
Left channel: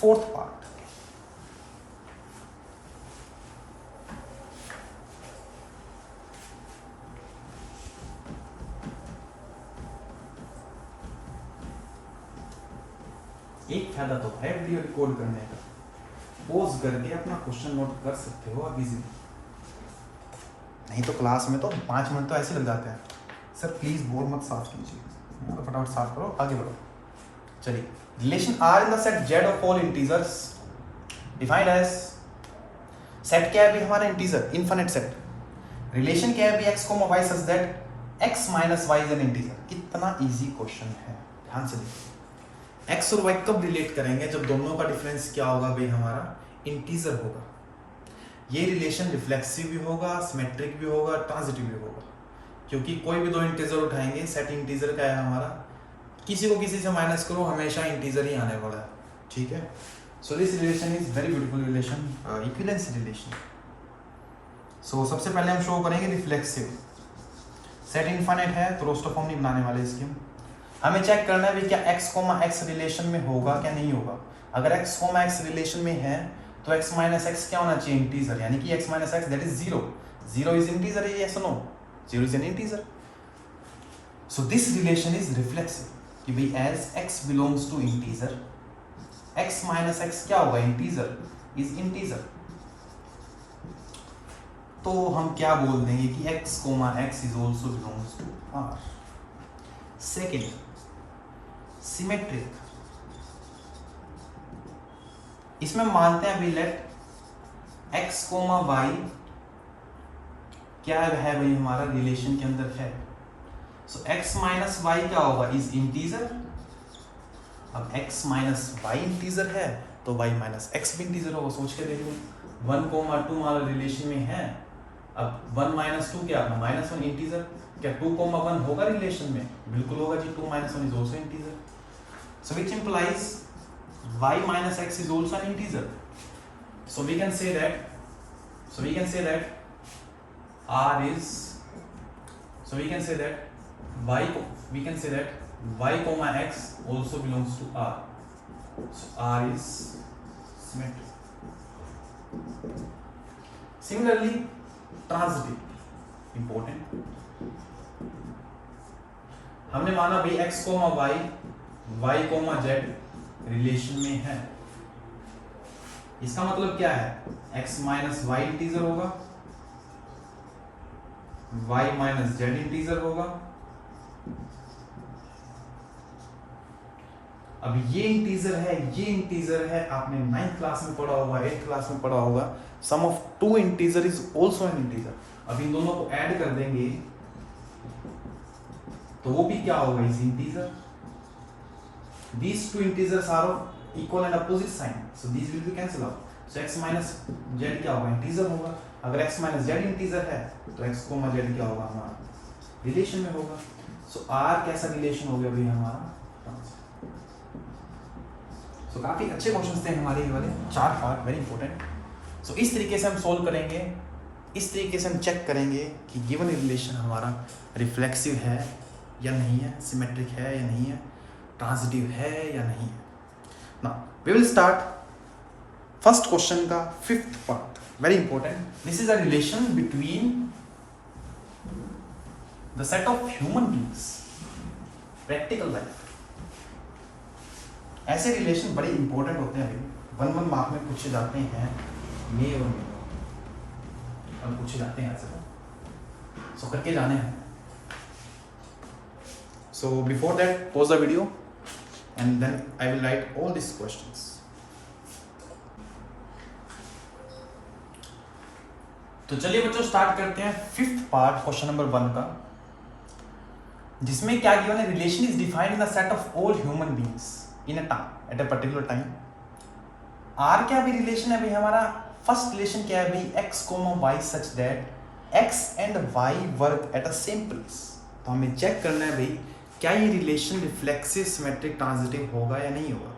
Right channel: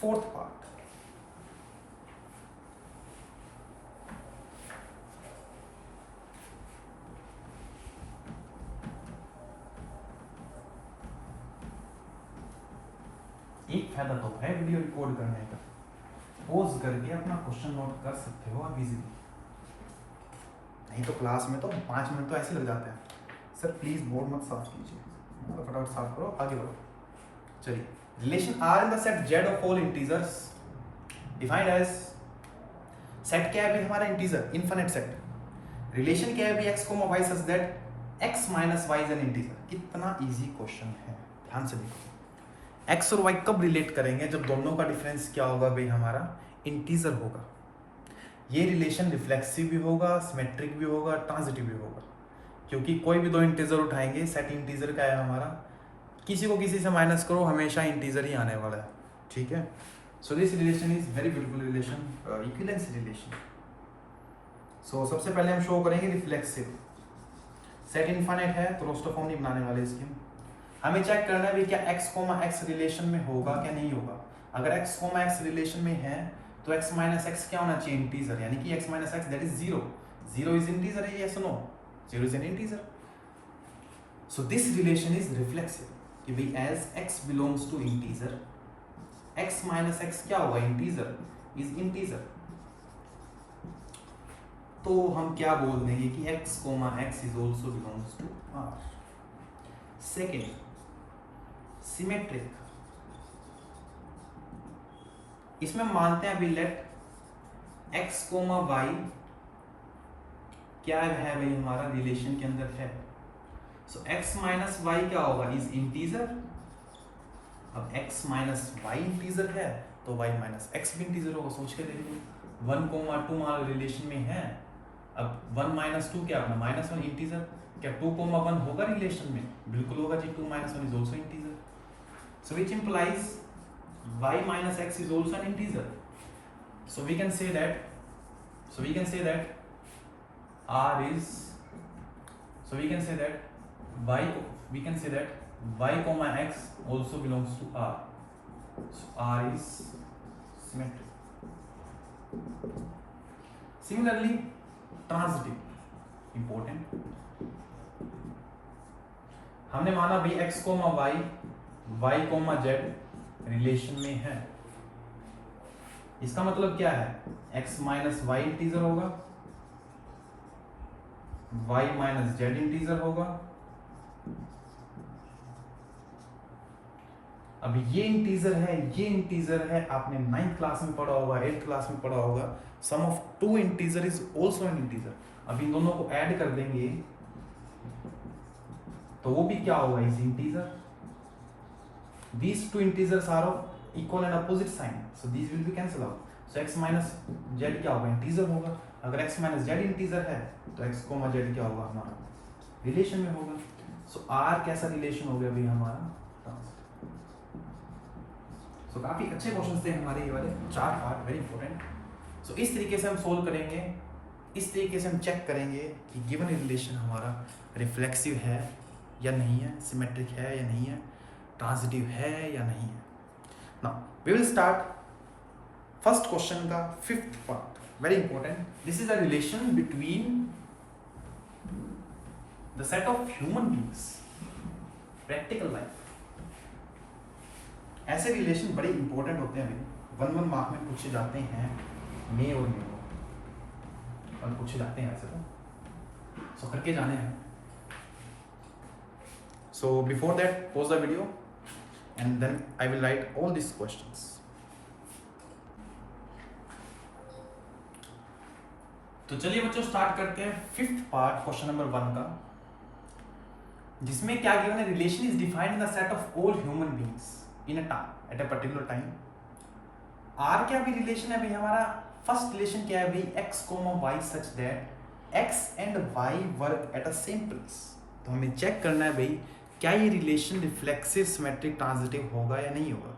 fourth part. एक फायदा तो है वीडियो रिकॉर्ड करने का, पोज करके अपना क्वेश्चन नोट कर सकते हो आप इजीली। नहीं तो क्लास में तो 5 मिनट तो ऐसे लग जाते हैं। सर प्लीज बोर्ड मत साफ कीजिए, तो फटाफट साफ करो, आगे बढ़ो। चलिए, relation are in the set Z of all integers defined as, set क्या है भी हमारा, इंटीजर, इनफिनिट सेट। रिलेशन क्या है भी x, y such that x minus y is an integer. कितना इजी क्वेश्चन है, ध्यान से देखिए। x और y कब रिलेट करेंगे, जब दोनों का डिफरेंस क्या होगा भाई हमारा, इंटीजर होगा। ये रिलेशन रिफ्लेक्सिव भी होगा, सिमेट्रिक भी होगा, ट्रांजिटिव भी होगा, क्योंकि कोई भी दो इंटीजर उठाएंगे, सेट इंटीजर का है हमारा, किसी को किसी से माइनस करो हमेशा इंटीजर ही आने वाला है, ठीक है। So this relation is very beautiful relation, equivalence relation. So सबसे पहले हम शो करेंगे रिफ्लेक्सिव। सेट इनफाइनाइट है तो रोस्टर फॉर्म नहीं बनाने वाले इसकी। हमें चेक करना है भी क्या x, रिलेशन में होगा क्या नहीं होगा। अगर x, रिलेशन में है तो x माइनस एक्स क्या होना चाहिए, इंटीजर, यानी कि x minus x that is 0। 0 is integer है, yes no, 0 is an integer. So this relation is reflexive कि भी as x belongs to integer, x minus x क्या होगा, इंटीजर, इज इंटीजर। तो हम क्या बोल देंगे कि x, is also belongs to R। Second, symmetric. इसमें मानते हैं अभी लेट x, y क्या है भाई हमारा रिलेशन के अंदर है। सो x माइनस वाई क्या होगा, इज इंटीजर। अब x माइनस वाई इंटीजर है तो y माइनस एक्स भी इंटीजर होगा। सोच के देखो, 1, 2 हमारा रिलेशन में है। अब 1 माइनस 2 क्या, -1 इंटीजर। क्या 2, 1 होगा रिलेशन में, बिल्कुल होगा जी, 2 - 1 is also integer. So which implies y minus x is also an integer. So we can say that R is, so we can say that y comma x also belongs to R. So R is symmetric. Similarly, transitive, important. हमने माना भाई x comma y comma z रिलेशन में है, इसका मतलब क्या है, x माइनस वाई इंटीजर होगा, y माइनस जेड इंटीजर होगा। अब ये इंटीजर है, ये इंटीजर है, आपने 9th क्लास में पढ़ा होगा, 8th क्लास में पढ़ा होगा, sum of two integer is also an integer. अब इन दोनों को ऐड कर देंगे तो वो भी क्या होगा, is integer. These two integers are of equal and opposite sign, so these will be cancel out. So x minus z क्या होगा, इंटीजर होगा। अगर x minus z इंटीजर है तो x कोमा z क्या होगा, हमारा रिलेशन में होगा। So R कैसा रिलेशन हो गया भाई हमारा, so काफी अच्छे क्वेश्चंस थे हमारे ये वाले, 4 पार्ट, वेरी इंपॉर्टेंट। सो इस तरीके से हम सोल्व करेंगे, इस तरीके से हम चेक करेंगे कि गिवन रिलेशन हमारा रिफ्लेक्सिव है या नहीं है, सिमेट्रिक है या नहीं है, ट्रांजिटिव है या नहीं है। Now we will start first question का 5th part, very important. This is a relation between the set of human beings, practical life. ऐसे रिलेशन बड़े इंपॉर्टेंट होते हैं, 1 मार्क में पूछे जाते हैं, मे और मे और पूछे जाते हैं ऐसे, तो सो करके जाने हैं। So before that, pause the video and then I will write all these questions. तो चलिए बच्चों स्टार्ट करते हैं 5th पार्ट, क्वेश्चन नंबर 1 का, जिसमें क्या गिवन है, relation is defined in the set of all human beings in a time, at a particular time. R क्या भी रिलेशन है भाई हमारा, फर्स्ट रिलेशन क्या है भाई, x comma y such that x and y work at a same place. तो हमें चेक करना है भाई क्या ये रिलेशन रिफ्लेक्सिव, सिमेट्रिक, ट्रांजिटिव होगा या नहीं होगा।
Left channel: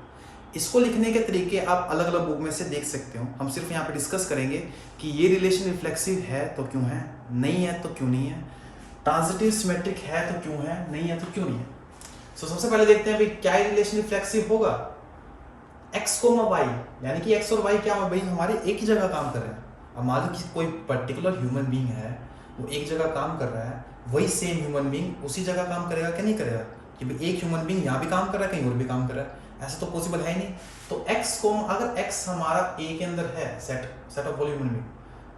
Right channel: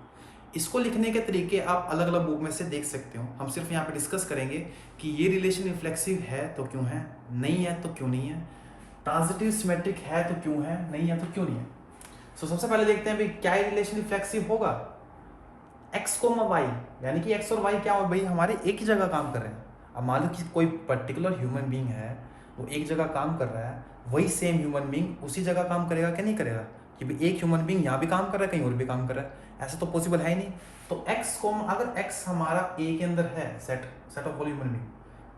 इसको लिखने के तरीके आप अलग अलग बुक में से देख सकते हो, हम सिर्फ यहाँ पे डिस्कस करेंगे कि ये रिलेशन रिफ्लेक्सिव है तो क्यों है, नहीं है तो क्यों नहीं है, ट्रांजिटिव सिमेट्रिक है तो क्यों है, नहीं है तो क्यों नहीं है। सो सबसे पहले देखते हैं भाई क्या ये रिलेशन रिफ्लेक्सिव होगा, x कोमा y, यानी कि x और y क्या भाई हमारे एक ही जगह काम कर रहे हैं। अब मान लो कि कोई पर्टिकुलर ह्यूमन बीइंग है, वो एक जगह काम कर रहा है, वही सेम ह्यूमन बीइंग उसी जगह काम करेगा क्या नहीं करेगा, कि भाई एक ह्यूमन बीइंग यहाँ भी काम कर रहा है, कहीं और भी काम कर रहा है, ऐसा तो पॉसिबल है ही नहीं। तो x को अगर x हमारा a के अंदर है, set of all human being,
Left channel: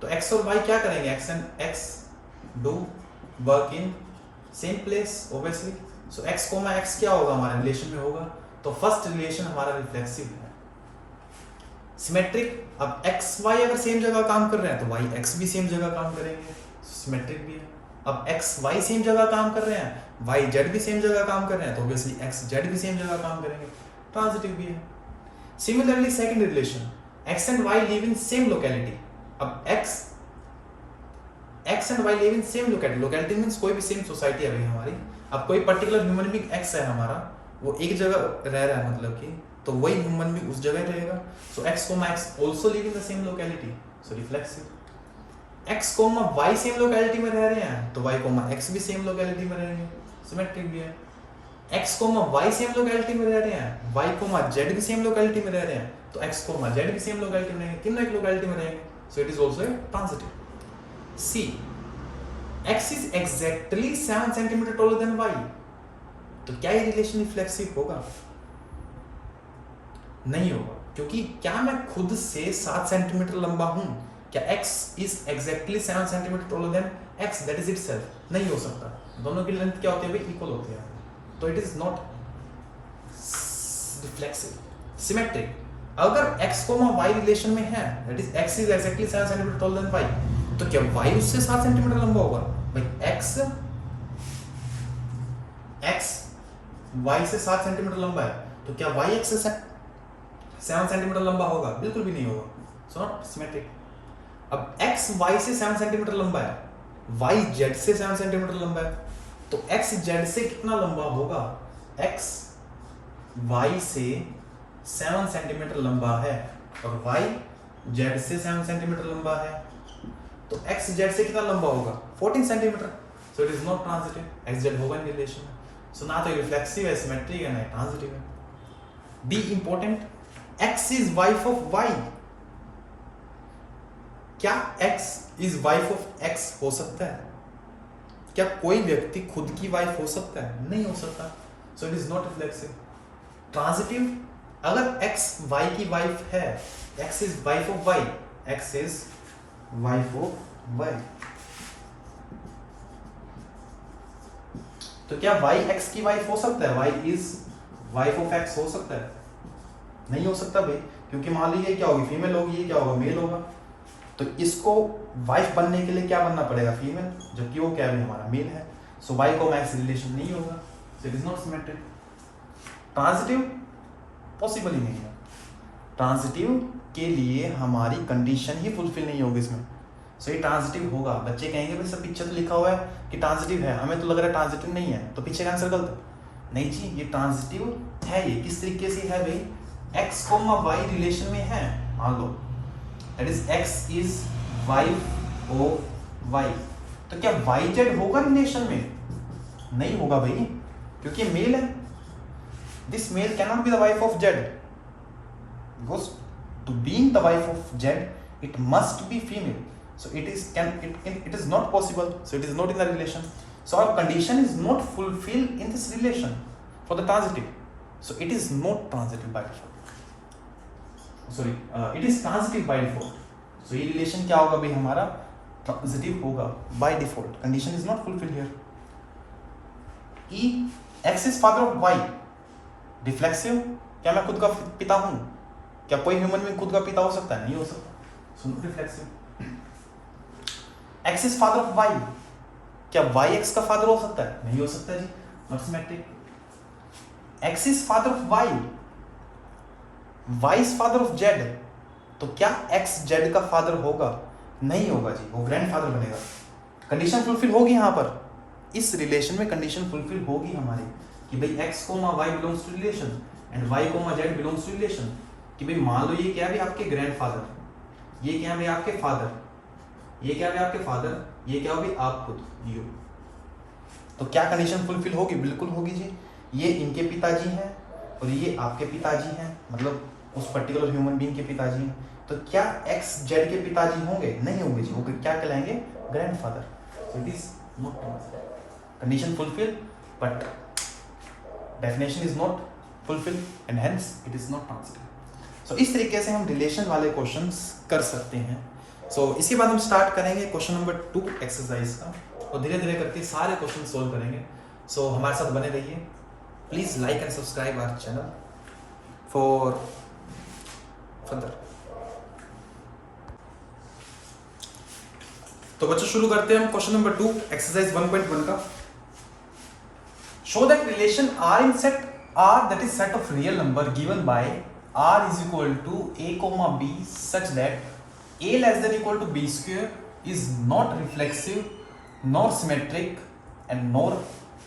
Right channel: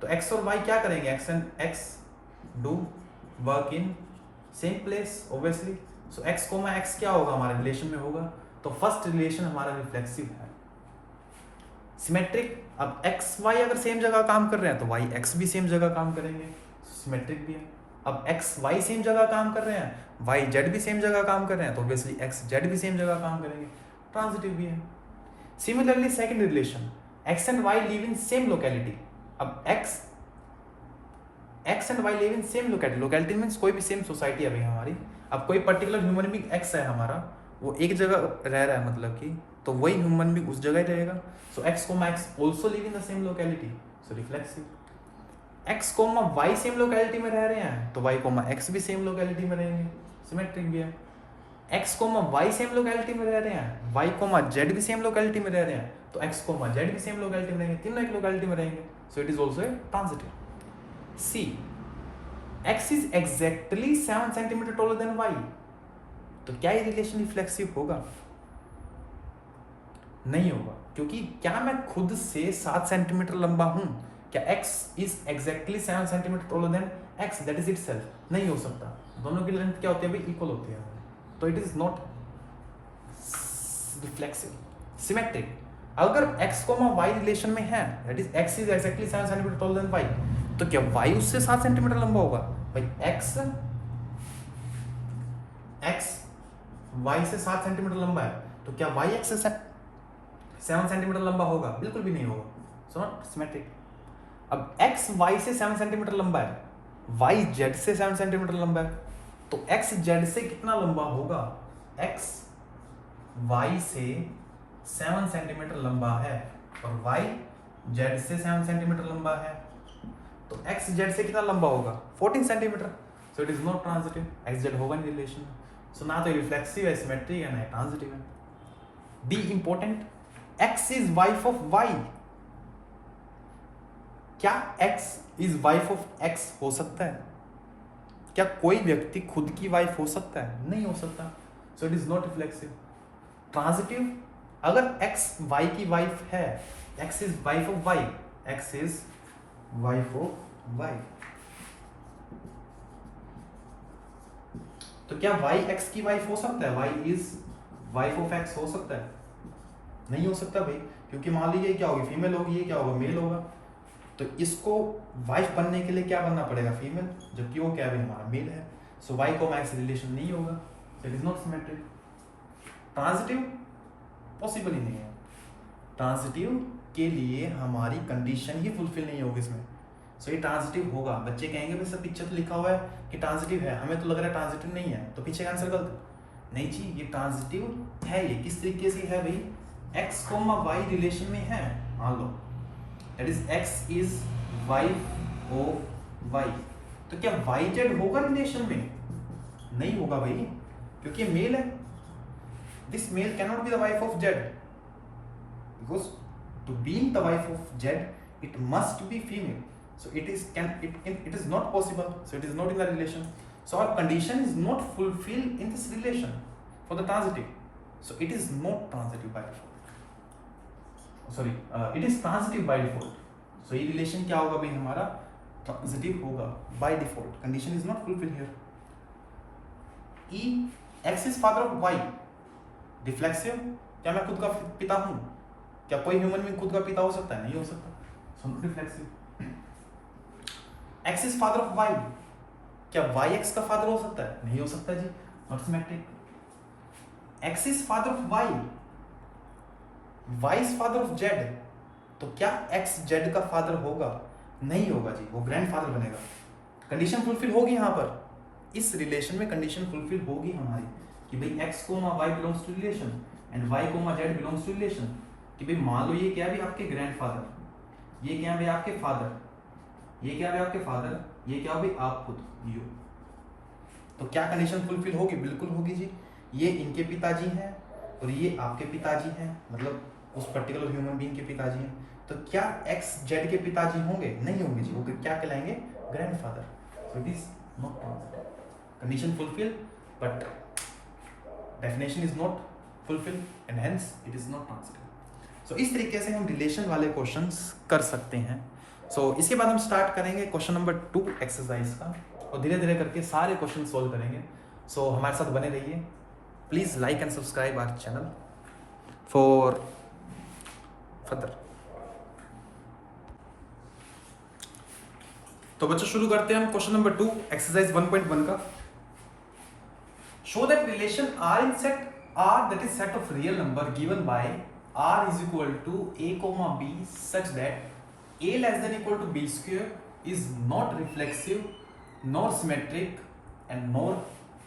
तो x और y क्या करेंगे, x and x do work in same place obviously. So x comma x क्या होगा, हमारा रिलेशन में होगा, तो फर्स्ट रिलेशन हमारा रिफ्लेक्सिव है। सिमेट्रिक, अब x y अगर सेम जगह काम कर रहे हैं तो y x भी सेम जगह काम करेंगे, सिमेट्रिक भी है। अब x y सेम जगह काम कर रहे हैं, y z भी सेम जगह काम कर रहे हैं, तो ऑब्वियसली x z भी सेम जगह काम करेंगे, ट्रांजिटिव भी है। Similarly second relation, x and y live in same locality. अब x and y live in same locality, locality means कोई भी सेम सोसाइटी है भाई हमारी। अब कोई पर्टिकुलर ह्यूमन बीइंग x है हमारा, वो एक जगह रह रहा है, मतलब कि तो वही ह्यूमन बीइंग उस जगह ही रहेगा। So x comma x also live in the same locality, so reflexive. x comma y same locality में रह रहे हैं, तो y कोमा x भी सेम लोकेलिटी में रहेंगे, सिमेट्रिक भी है। x comma y same locality में रह रहे हैं, y कोमा z भी सेम लोकेलिटी में रह रहे हैं, तो x कोमा z भी सेम लोकेलिटी में रहेंगे, तीनों एक लोकेलिटी में रहेंगे, सो it is also a transitive. c, x is exactly 7 centimetre taller than y, तो क्या ये रिलेशन रिफ्लेक्सिव होगा, नहीं होगा, क्योंकि क्या मैं खुद से 7 सेंटीमीटर लंबा हूं, क्या x is exactly 7 centimetre taller than x, that is itself, नहीं हो सकता। दोनों की लेंथ क्या होती है भाई, इक्वल होती है, तो it is not reflexive. Symmetric, अगर x y रिलेशन में है, that is x is exactly 7 centimetre taller than y, तो क्या y उससे 7 सेंटीमीटर लंबा होगा भाई, x y से 7 सेंटीमीटर लंबा है, तो क्या y x से 7 सेंटीमीटर लंबा होगा, बिल्कुल भी नहीं होगा, सो नॉट सिमेट्रिक। अब x y से 7 सेंटीमीटर लंबा है, y z से 7 सेंटीमीटर लंबा है, तो x z से कितना लंबा होगा, x y से 7 सेंटीमीटर लंबा है और y z से 7 सेंटीमीटर लंबा है, तो एक्स जेड से कितना लंबा होगा 14 centimetre, so it is not transitive, x Z होगा इन रिलेशन में, सो ना तो रिफ्लेक्सिव है, सिमेट्रिक है, ना ट्रांजिटिव है। The important, x is wife of y, क्या x is wife of x हो सकता है? क्या कोई व्यक्ति खुद की वाइफ हो सकता है? नहीं हो सकता, so it is not reflexive. Transitive, अगर एक्स वाई की वाइफ है, x is wife of y, x is wife of y, तो क्या वाई एक्स की वाइफ हो सकता है? Y is wife of x हो सकता है? नहीं हो सकता भाई, क्योंकि मान लीजिए क्या होगी, फीमेल होगी, ये क्या होगा, मेल होगा, तो इसको वाइफ बनने के लिए क्या बनना पड़ेगा, फीमेल, जबकि वो क्या है, हमारा मेल है, सो वाई को मैक्स रिलेशन नहीं होगा, so it is not symmetric. Transitive possible ही नहीं है, ट्रांजिटिव के लिए हमारी कंडीशन ही फुलफिल नहीं होगी इसमें, सो ये ट्रांजिटिव होगा। बच्चे कहेंगे भाई सर पीछे तो लिखा हुआ है कि ट्रांजिटिव है, हमें तो लग रहा है ट्रांजिटिव नहीं है, तो पीछे का आंसर गलत है। नहीं जी, ये ट्रांजिटिव है। ये किस तरीके से है भाई, एक्स कोमा वाई रिलेशन में है, मान लो that is x is wife of y, तो क्या वाई जेड होगा रिलेशन में? नहीं होगा भाई, क्योंकि मेल है, this male can not be the wife of z, because to being the wife of z it must be female, so it is not possible, so it is not in the relation, so our condition is not fulfilled in this relation for the transitive, so it is not transitive by default, sorry it is transitive by default, so ये relation क्या होगा भाई, हमारा transitive होगा by default, condition is not fulfilled here। E, x is father of y, reflexive, क्या मैं खुद का पिता हूँ? क्या कोई ह्यूमन में खुद का पिता हो सकता है? नहीं हो सकता, so not reflexive। X is father of Y, क्या Y X का फादर हो सकता है? नहीं हो सकता जी, not symmetric. X is father of Y, Y is father of Z, तो क्या X Z का फादर होगा? नहीं होगा जी, वो ग्रैंडफादर बनेगा। कंडीशन फुलफिल होगी यहाँ पर, इस रिलेशन में कंडीशन फुलफिल होगी हमारी कि भाई X comma Y belongs to relation and Y comma Z belongs to relation, कि भाई मान लो ये क्या है आपके ग्रैंडफादर, ये क्या है आपके फादर, ये क्या है आपके फादर, ये क्या हो भी आप खुद यू, तो क्या कंडीशन फुलफिल होगी? बिल्कुल होगी जी। ये इनके पिताजी हैं और ये आपके पिताजी हैं, मतलब उस पर्टिकुलर ह्यूमन बीइंग के पिताजी हैं, तो क्या एक्स जेड के पिताजी होंगे? नहीं होंगे जी, वो क्या कहलाएंगे? Grandfather, so it is not transitive. Condition fulfil but definition is not fulfil and hence it is not transitive. So इस तरीके से हम रिलेशन वाले क्वेश्चंस कर सकते हैं। सो इसके बाद हम स्टार्ट करेंगे क्वेश्चन नंबर 2 एक्सरसाइज का, और धीरे धीरे करके सारे क्वेश्चन सोल्व करेंगे। सो हमारे साथ बने रहिए, please like and subscribe our channel for further. तो बच्चों शुरू करते हैं हम क्वेश्चन नंबर 2 एक्सरसाइज 1.1 का। Show that relation are in set R, that is set of real number given by R is equal to a comma b such that a less than equal to b square is not reflexive nor symmetric and nor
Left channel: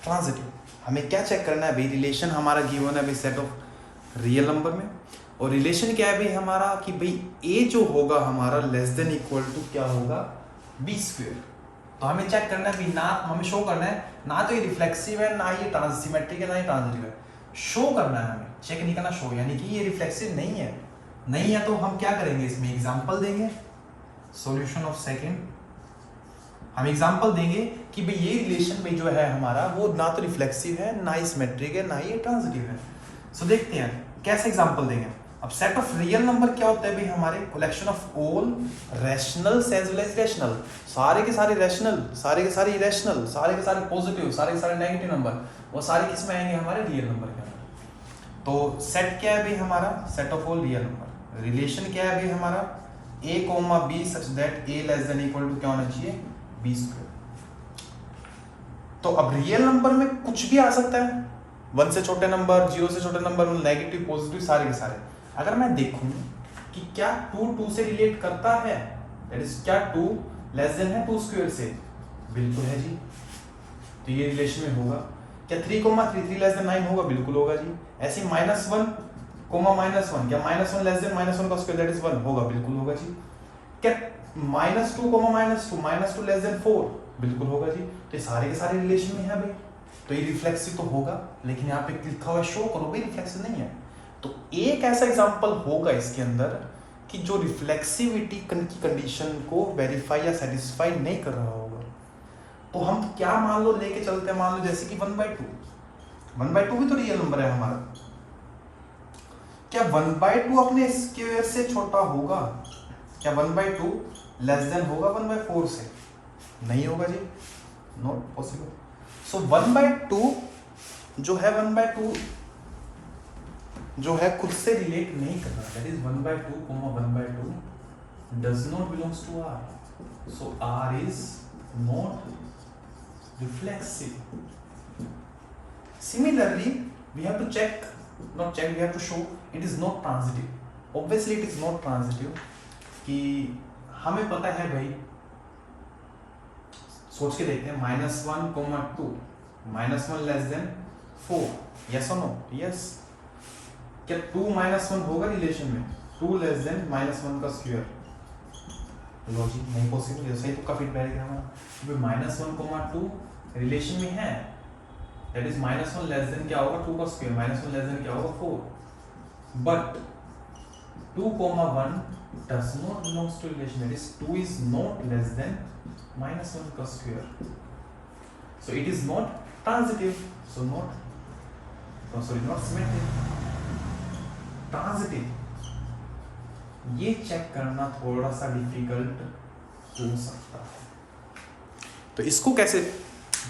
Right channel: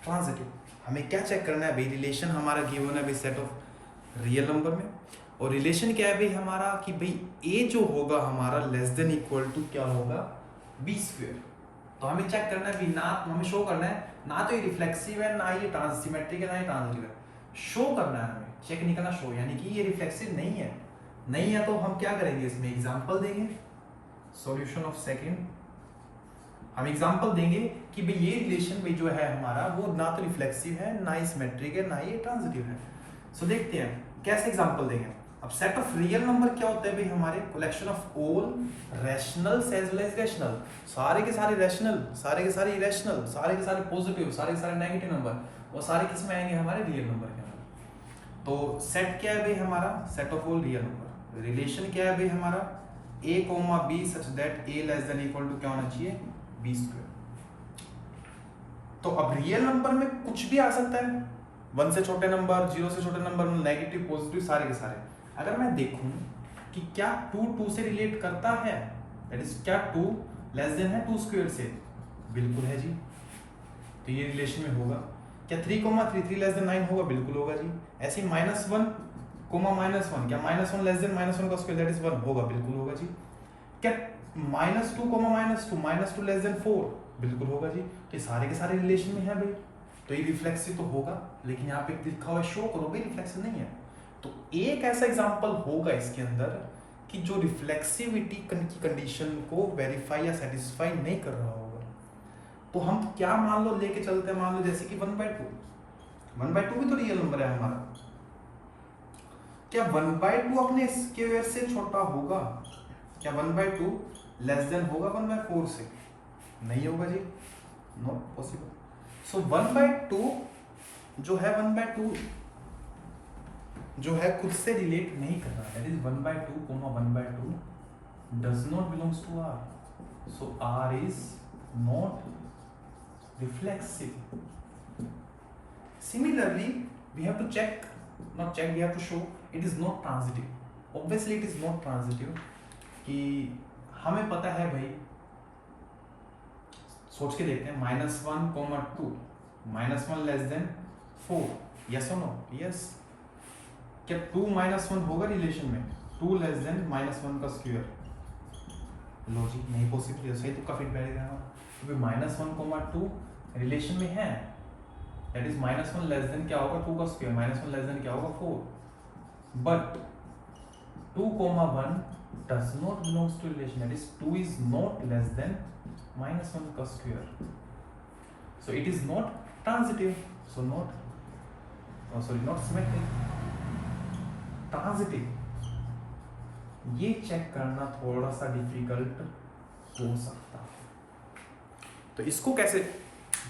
transitive। हमें क्या check करना है भाई, relation हमारा given है भाई set of real number में, और रिलेशन क्या है भाई हमारा कि भाई a जो होगा हमारा लेस देन इक्वल टू क्या होगा, b स्क्वायर। तो हमें चेक करना है कि ना हमें शो करना है ना तो ये रिफ्लेक्सिव है ना ये सिमेट्रिक है ना ये ट्रांजिटिव है, शो करना है हमें, चेक नहीं करना, शो यानी कि ये रिफ्लेक्सिव नहीं है, नहीं है तो हम क्या करेंगे, इसमें एग्जांपल देंगे, सॉल्यूशन ऑफ सेकंड, हम एग्जांपल देंगे कि भाई ये रिलेशन में जो है हमारा वो ना तो रिफ्लेक्सिव है ना ही सिमेट्रिक है ना ही ट्रांजिटिव है। सो देखते हैं कैसे एग्जांपल देंगे। अब सेट ऑफ रियल नंबर क्या होता है भाई, हमारे collection of all rational as well as rational, सारे के सारे रैशनल, सारे के सारे इरेशनल, सारे के सारे पॉजिटिव, सारे के सारे नेगेटिव नंबर, वो सारे किस में आएंगे, हमारे रियल नंबर के अंदर। तो सेट क्या है भाई हमारा, set of all real number. Relation क्या है भाई हमारा, a comma b such that a less than equal to क्या होना चाहिए, b स्क्वायर। तो अब रियल नंबर में कुछ भी आ सकता है, 1 से छोटे नंबर, 0 से छोटे नंबर, नेगेटिव पॉजिटिव सारे के सारे। अगर मैं देखूं कि क्या 2 से रिलेट करता है, दैट इज क्या 2 लेस देन है 2 स्क्वायर से, बिल्कुल है जी, तो ये रिलेशन में होगा। क्या 3 कोमा 3 लेस देन 9 होगा, बिल्कुल होगा जी। ऐसे -1 कोमा -1, क्या -1 लेस देन -1 का स्क्वायर दैट इज 1 होगा, बिल्कुल होगा जी। क्या -2 लेस देन 4 बिल्कुल होगा जी। तो ये सारे के सारे रिलेशन में है भाई, तो ये रिफ्लेक्सिव तो होगा, लेकिन यहाँ पे लिखा हुआ शो करो भाई रिफ्लेक्सिव नहीं है। तो एक ऐसा एग्जांपल होगा इसके अंदर कि जो रिफ्लेक्सिविटी की कंडीशन को वेरीफाई या सेटिस्फाई नहीं कर रहा होगा। तो हम क्या मान लो लेके चलते हैं, मान लो जैसे कि 1/2 भी तो रियल नंबर है हमारा। क्या 1/2 अपने स्क्वायर से छोटा होगा? क्या 1/2 लेस देन होगा 1/4 से? नहीं होगा जी, नॉट पॉसिबल। सो 1/2 जो है 1/2 जो है खुद से रिलेट नहीं करना, that is 1/2 1/2 does not belongs to R, so R is not reflexive. Similarly, we have to we have to show it is not transitive. Obviously, it is not transitive. कि हमें पता है भाई, सोच के देखते हैं, -1, 2 -1 less than 4, yes or no? Yes. क्या 2 -1 होगा रिलेशन में? 2 लेस देन -1 का स्क्वायर, लॉजिक नहीं पॉसिबल। जैसे ही तो काफी बैठ गया हमारा, -1, 2 रिलेशन में है, दैट इज -1 लेस देन क्या होगा 2 का स्क्वायर, -1 लेस देन क्या होगा 4, but 2, 1 does not belongs to relation, that is 2 is not less than -1 का square, so it is not transitive, so not symmetric, transitive। ये चेक करना थोड़ा सा डिफिकल्ट हो सकता है, तो इसको कैसे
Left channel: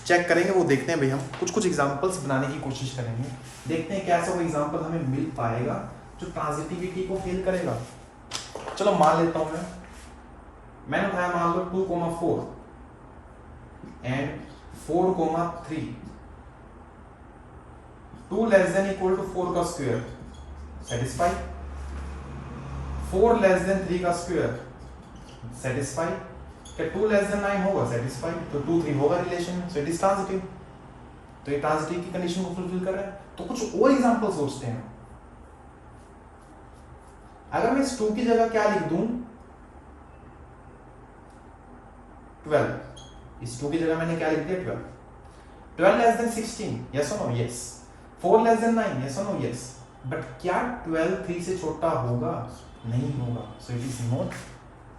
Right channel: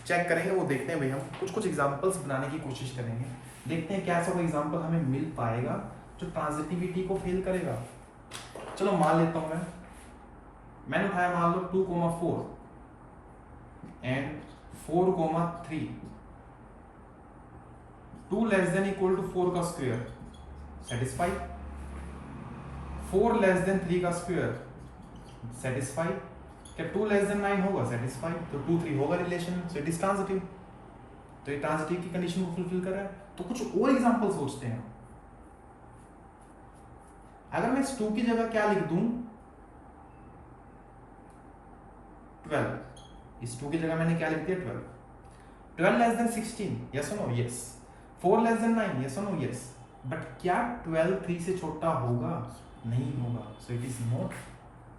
चेक करेंगे वो देखते हैं भाई। हम कुछ एग्जांपल्स बनाने की कोशिश करेंगे, देखते हैं कैसा कोई एग्जांपल हमें मिल पाएगा जो ट्रांजिटिविटी को फेल करेगा। चलो मान लेता हूं मैंने उठाया, मान लो 2, 4 and 4, 3, 2 less than equal to 4 का स्क्वायर, सेटिस्फाई। 4 लेस देन 3 का स्क्वायर, सेटिस्फाई। क्या 2 लेस देन 9 होगा? सेटिस्फाई। तो 2, 3 होगा relation, so it is transitive. तो ये ट्रांजिटिव की कंडीशन को फुलफिल कर रहा है। तो कुछ और एग्जांपल सोचते हैं। अगर मैं इस 2 की जगह क्या लिख दूं, 12, इस 2 की जगह मैंने क्या लिख दिया 12। 12 लेस देन 16, यस और no? Yes. 4 less than 9, yes और नो? यस। बट क्या 12 3 से छोटा होगा? नहीं होगा, so it is not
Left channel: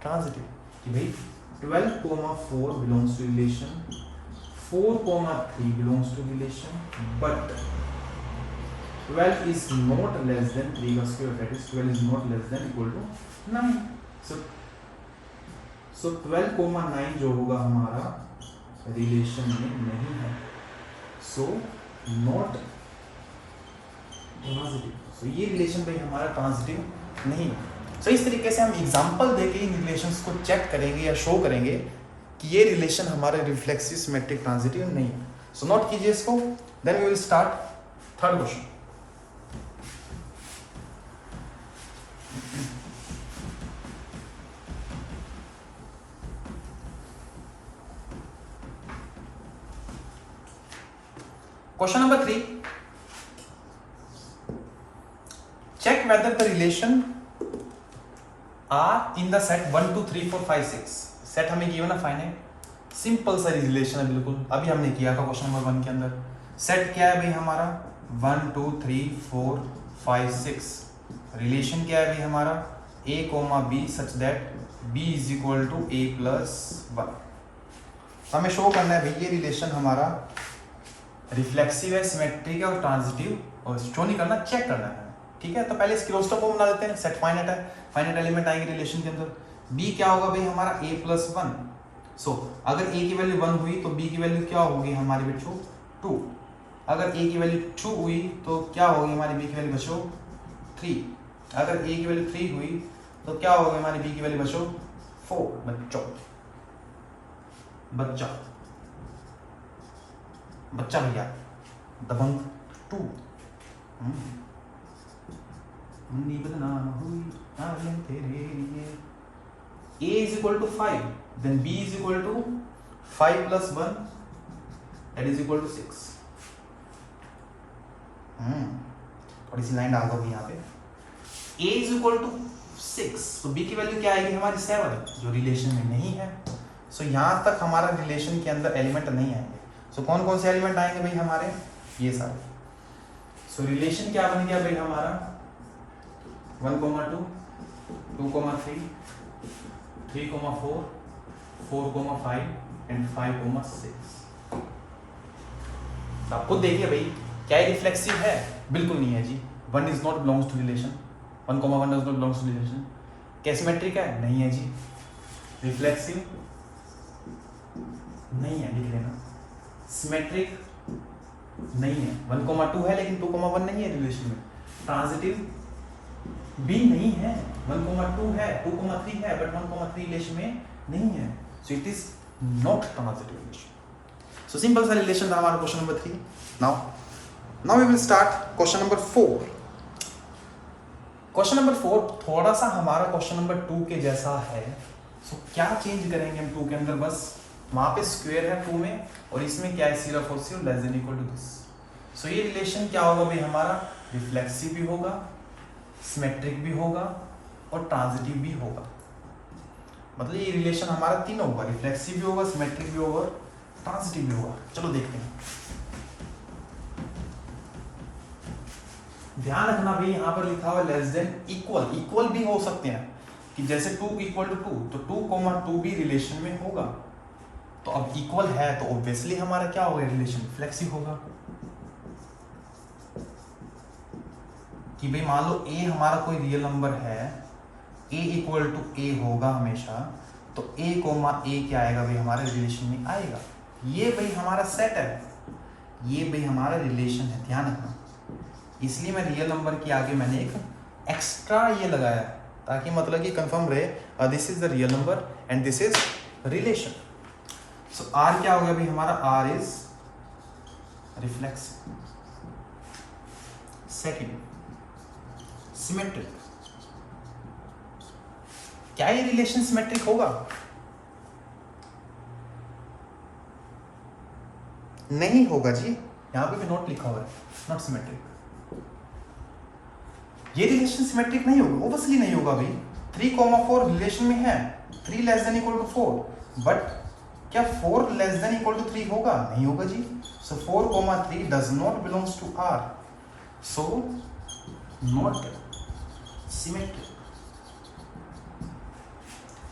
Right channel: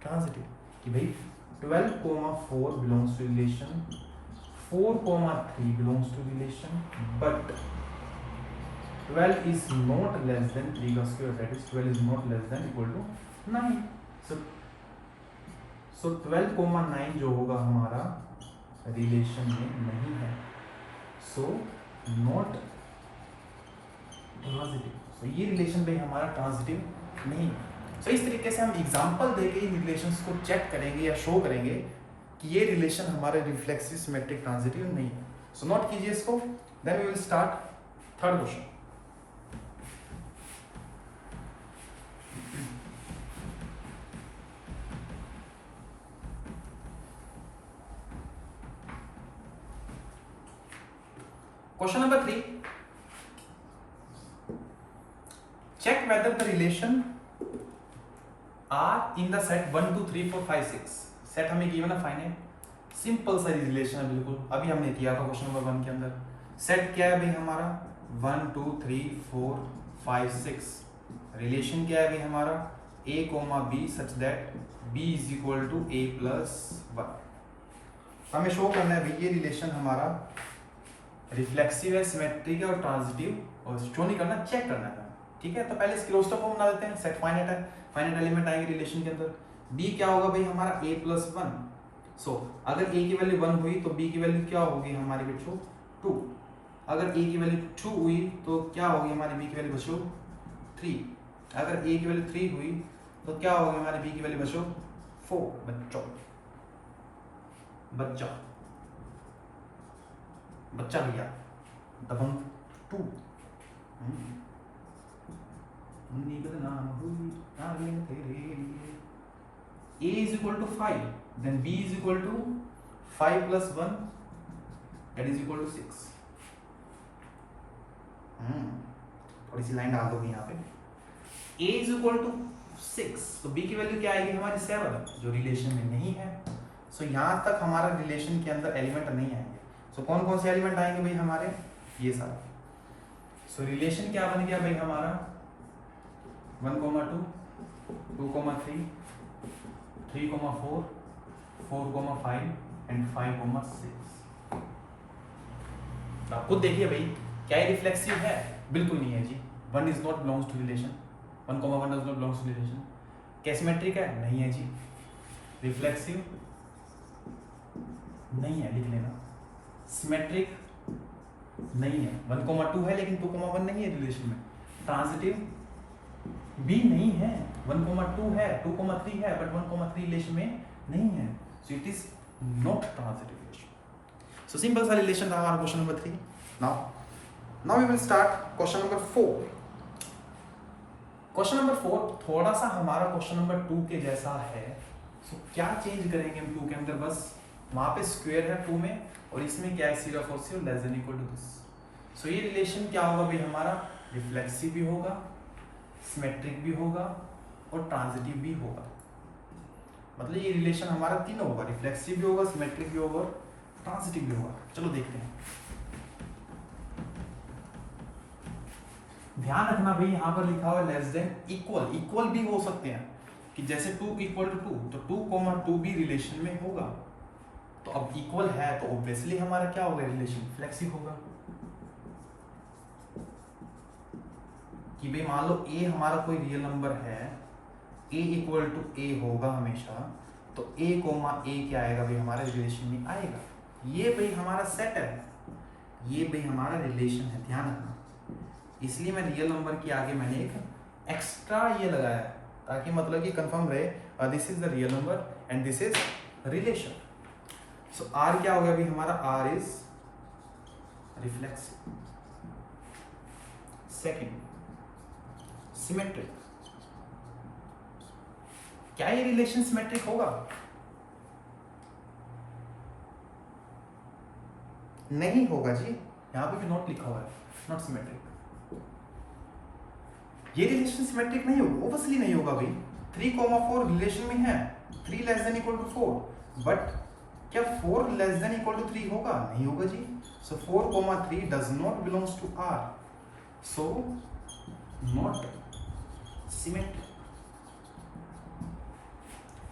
transitive. कि भाई 12, 4 belongs to relation, 4, 3 belongs to relation, but 12 is not less than 3 का square, that is 12 is not less than equal to 9, so 12, 9 जो होगा हमारा रिलेशन में नहीं है, so not ट्रांजिटिव। so ये रिलेशन भाई हमारा ट्रांजिटिव नहीं है। so इस तरीके से हम एग्जांपल देके इन रिलेशंस को चेक करेंगे या शो करेंगे कि ये रिलेशन हमारा रिफ्लेक्सिव सिमेट्रिक ट्रांजिटिव नहीं है। सो नोट कीजिए इसको, then we will start third question. Question number 3, check whether the relation are in the set 1, 2, 3, 4, 5, 6। Set हमें गिवन है फाइनाइट, सिंपल सा रिलेशन है बिल्कुल, अभी हमने किया था क्वेश्चन नंबर 1 के अंदर। सेट क्या है भाई हमारा 1, 2, 3, 4, 5, 6। रिलेशन क्या है भाई हमारा a, b such that b is equal to a plus 1। हमें शो करना है भाई ये रिलेशन हमारा रिफ्लेक्सिव है, सिमेट्रिक है और ट्रांजिटिव, और शो नहीं करना, चेक करना है। ठीक है, तो पहले इसकी क्लोज्ड फॉर्म बना लेते हैं। सेट फाइनाइट है, फाइनाइट एलिमेंट आएंगे रिलेशन के अंदर। b क्या होगा भाई हमारा a प्लस 1। सो अगर a की वैल्यू 1 हुई तो b की वैल्यू क्या होगी हमारे बच्चों 2। अगर a की वैल्यू 2 हुई तो क्या होगी हमारी b की वैल्यू बच्चों 3। अगर a की वैल्यू 3 हुई तो क्या होगी हमारी b की वैल्यू बच्चों 4। बच्चा भैया दबंग 2 बदनाम हुई आगे तेरे लिए। a is equal to 5, then b is equal to 5 plus 1, that is equal to 6। थोड़ी सी लाइन डाल दो यहाँ पे। a is equal to 6, तो b की वैल्यू क्या आएगी हमारी 7, जो रिलेशन में नहीं है। सो यहाँ तक हमारा रिलेशन के अंदर एलिमेंट नहीं आएंगे। सो कौन कौन से एलिमेंट आएंगे भाई हमारे, ये सारे। सो रिलेशन क्या बन गया भाई हमारा 1, 2, 2, 3, 3, 4, 4, 5 एंड 5, 6। तो आप खुद देखिए भाई, क्या ये रिफ्लेक्सिव है? बिल्कुल नहीं है जी। 1 is not belongs to relation, 1, 1 is not belongs to relation. क्या सिमेट्रिक है? नहीं है जी। रिफ्लेक्सिव नहीं है, लिख लेना। सिमेट्रिक नहीं है, 1, 2 है लेकिन 2, 1 नहीं है रिलेशन में। ट्रांजिटिव भी नहीं है, 1, 2 है, 2, 3 है, बट 1, 3 रिलेशन में नहीं है। So it is not transitive relation. So simple सा रिलेशन था हमारा question number 3। Now we will start question number 4। Question number 4 थोड़ा सा हमारा क्वेश्चन नंबर 2 के जैसा है। सो क्या चेंज करेंगे हम 2 के अंदर? बस वहां पे स्क्वायर है 2 में, और इसमें क्या है, सिर्फ और सिर्फ less than equal to this. So ये रिलेशन क्या होगा भाई हमारा, रिफ्लेक्सिव भी होगा, सिमेट्रिक भी होगा और ट्रांजिटिव भी होगा। मतलब ये रिलेशन हमारा तीनों होगा, रिफ्लेक्सिव भी होगा, सिमेट्रिक भी होगा, ट्रांजिटिव भी होगा। चलो देखते हैं। ध्यान रखना भाई, यहाँ पर लिखा हुआ लेस देन इक्वल, इक्वल भी हो सकते हैं कि जैसे 2 = 2, तो 2, 2 भी रिलेशन में होगा। तो अब इक्वल है तो ऑब्वियसली हमारा क्या होगा, रिलेशन फ्लेक्सिव होगा। कि भाई मान लो a हमारा कोई रियल नंबर है, a = a होगा हमेशा, तो a, a क्या आएगा भाई हमारे रिलेशन में आएगा। ये भाई हमारा सेट है, ये भाई हमारा रिलेशन है, ध्यान रखना। इसलिए मैं रियल नंबर के आगे मैंने एक एक्स्ट्रा ये लगाया, ताकि मतलब कि कंफर्म रहे this is the real number and this is relation. So r क्या हो गया भाई हमारा, r is reflexive. Second, symmetric. क्या ये रिलेशन सिमेट्रिक होगा? नहीं होगा जी, यहां पे भी नोट लिखा हुआ है, नॉट सिमेट्रिक। ये रिलेशन सिमेट्रिक नहीं होगा, ऑब्वियसली नहीं होगा भाई। 3, 4 रिलेशन में है, 3 less than equal to 4, but क्या 4 लेस देन इक्वल टू 3 होगा? नहीं होगा जी। So 4, 3 does not belongs to r, so not symmetric.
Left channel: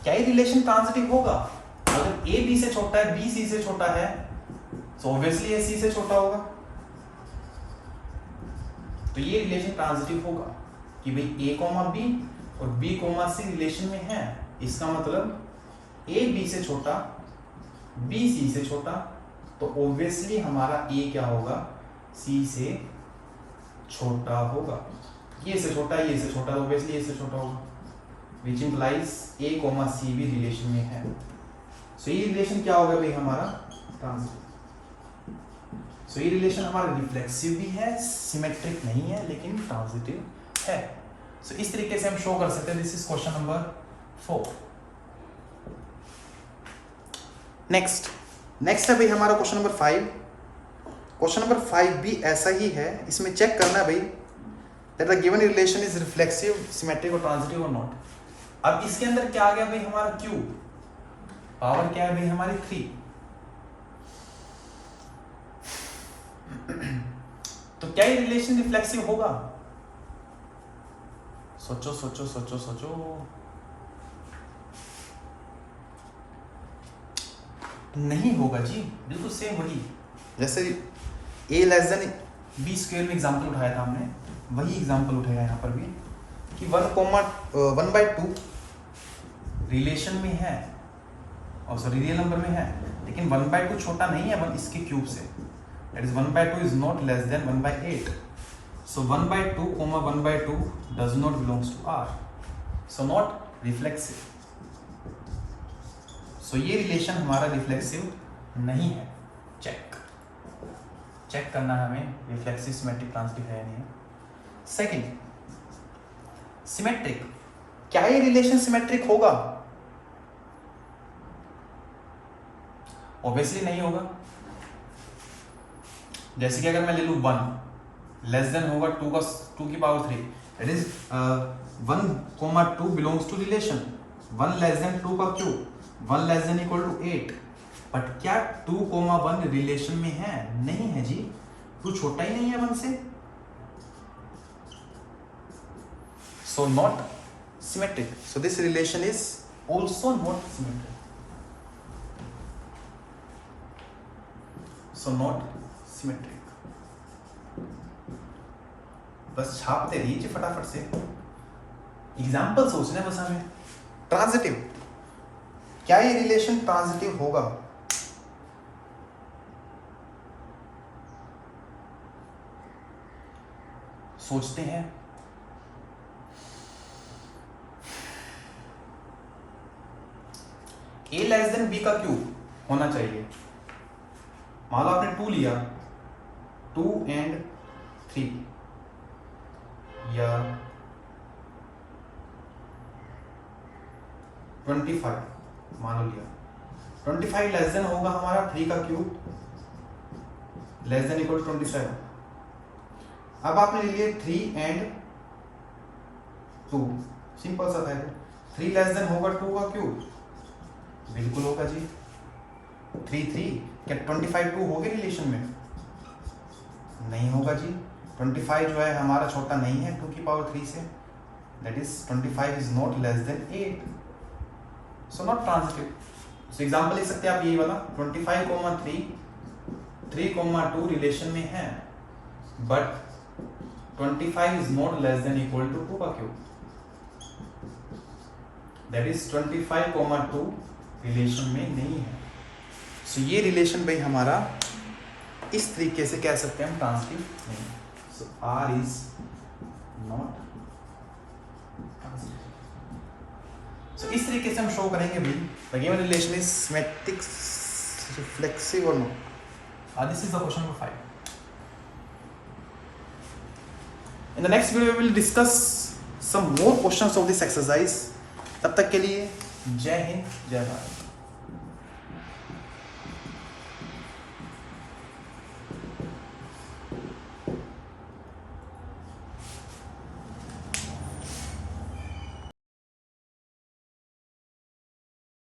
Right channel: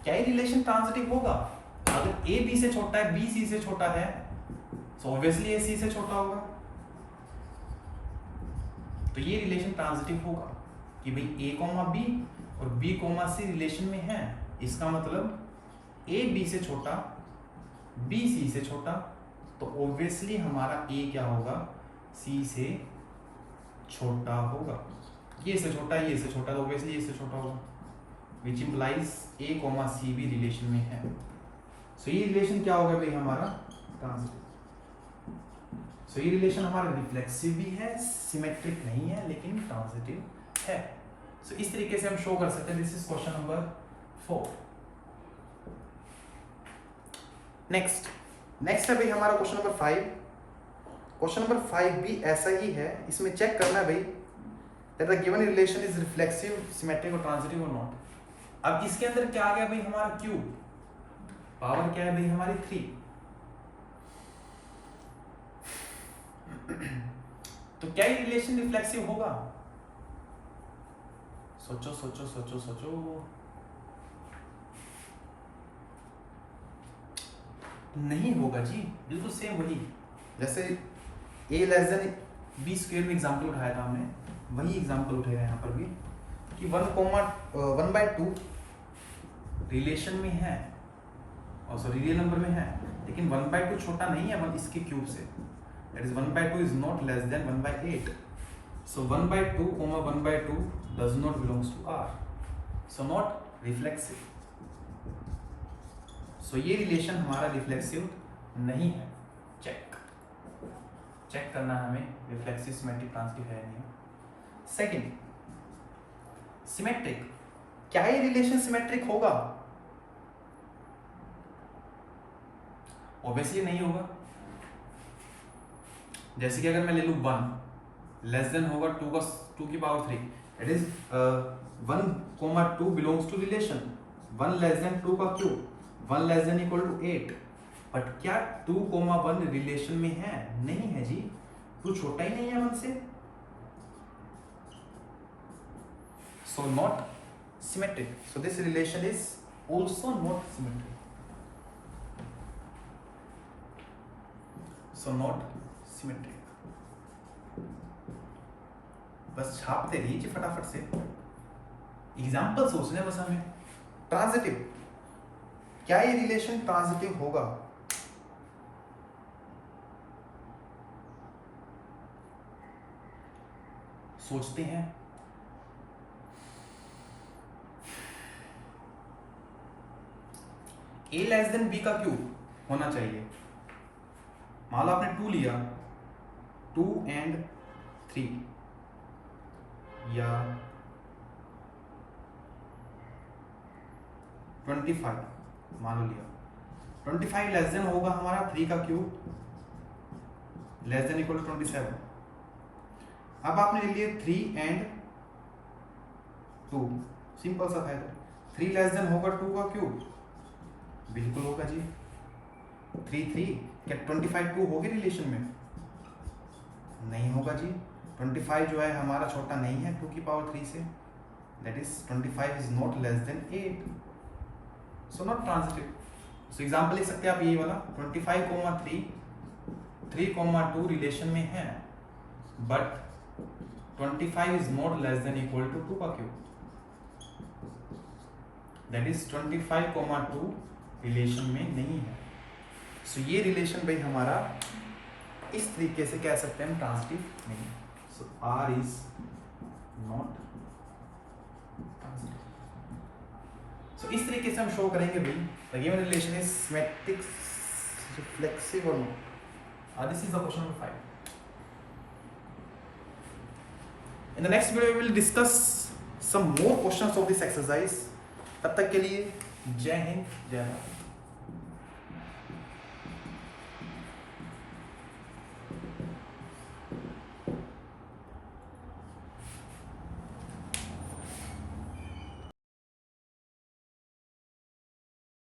क्या ये रिलेशन ट्रांजिटिव होगा? अगर a b से छोटा है, b c से छोटा है, सो ऑब्वियसली a c से छोटा होगा। तो ये रिलेशन ट्रांजिटिव होगा कि भाई a, b और b, c रिलेशन में है। इसका मतलब a b से छोटा, b c से छोटा, तो ऑब्वियसली हमारा a क्या होगा, c से छोटा होगा। ये से छोटा, ये से छोटा, तो ऑब्वियसली ये से छोटा होगा, which implies a, c भी रिलेशन में है। सो ये रिलेशन क्या होगा भाई हमारा, ट्रांजिटिव। सो ये रिलेशन हमारा रिफ्लेक्सिव भी है, सिमेट्रिक नहीं है, लेकिन ट्रांजिटिव है। सो इस तरीके से हम शो कर सकते हैं। This is question number 4। Next है भाई हमारा क्वेश्चन नंबर 5। क्वेश्चन नंबर 5 भी ऐसा ही है। इसमें चेक करना है भाई that the given relation is reflexive, symmetric और ट्रांजिटिव और नॉट। अब इसके अंदर क्या आ गया भाई हमारा क्यूब, पावर क्या है भाई हमारी 3। तो क्या ये रिलेशन रिफ्लेक्सिव होगा? सोचो सोचो सोचो सोचो। नहीं होगा जी, बिल्कुल सेम वही जैसे a less than b square में एग्जांपल उठाया था हमने, वही एग्जांपल उठाया यहाँ पर भी कि 1/2 रिलेशन में है, और सॉरी रियल नंबर में है, लेकिन 1/2 छोटा नहीं है इसके क्यूब से। That is 1/2 is not less than 1/8। So 1/2, 1/2 does not belongs to r, so not reflexive. So ये रिलेशन हमारा रिफ्लेक्सिव नहीं है। चेक करना है हमें, रिफ्लेक्सिव, सिमेट्रिक, ट्रांजिटिव है नहीं। Second, symmetric. क्या ये रिलेशन सिमेट्रिक होगा? ऑब्वियसली नहीं होगा। जैसे कि अगर मैं ले लूं 1 लेस देन होगा 2 की power 3, That is 1, 2 belongs to relation. 1 less than 2 का cube, 1 less than equal to 8. But क्या 2, 1 रिलेशन में है? नहीं है जी, 2 छोटा ही नहीं है 1 से. So not symmetric. So this relation is also not symmetric. So not symmetric. बस छापते रहिए फटाफट से. एग्जाम्पल सोचने बस हमें. ट्रांजिटिव, क्या ये रिलेशन ट्रांजिटिव होगा? सोचते हैं. a लेस देन b का क्यूब होना चाहिए. मान लो आपने 2 लिया, 2 and 3 या 25 मान लो लिया. 25 लेस देन होगा हमारा 3 का क्यूब लेस देन इक्वल 27. अब आपने ले लिए 3 and 2, सिंपल सा था. 3 लेस देन होगा 2 का क्यूब, बिल्कुल होगा जी. 3 3 क्या 25 2 होगी रिलेशन में? नहीं होगा जी. 25 जो है हमारा छोटा नहीं है 2 की पावर 3 से. That is 25 is not less then 8. So not transitive. So example ले सकते हैं आप ये वाला 25, 3, 2 रिलेशन में है, but 25 is not less than equal to 2 का क्यूब. दैट इज 25, 2 रिलेशन में नहीं है. सो ये रिलेशन भाई हमारा इस तरीके से कह सकते हैं हम ट्रांजिटिव नहीं. So R is not transitive. So इस तरीके से हम शो करेंगे भाई the given relation is symmetric, reflexive और not. This is the question number 5. In the next video we will discuss some more questions of this exercise. तब तक के लिए जय हिंद, जय भारत.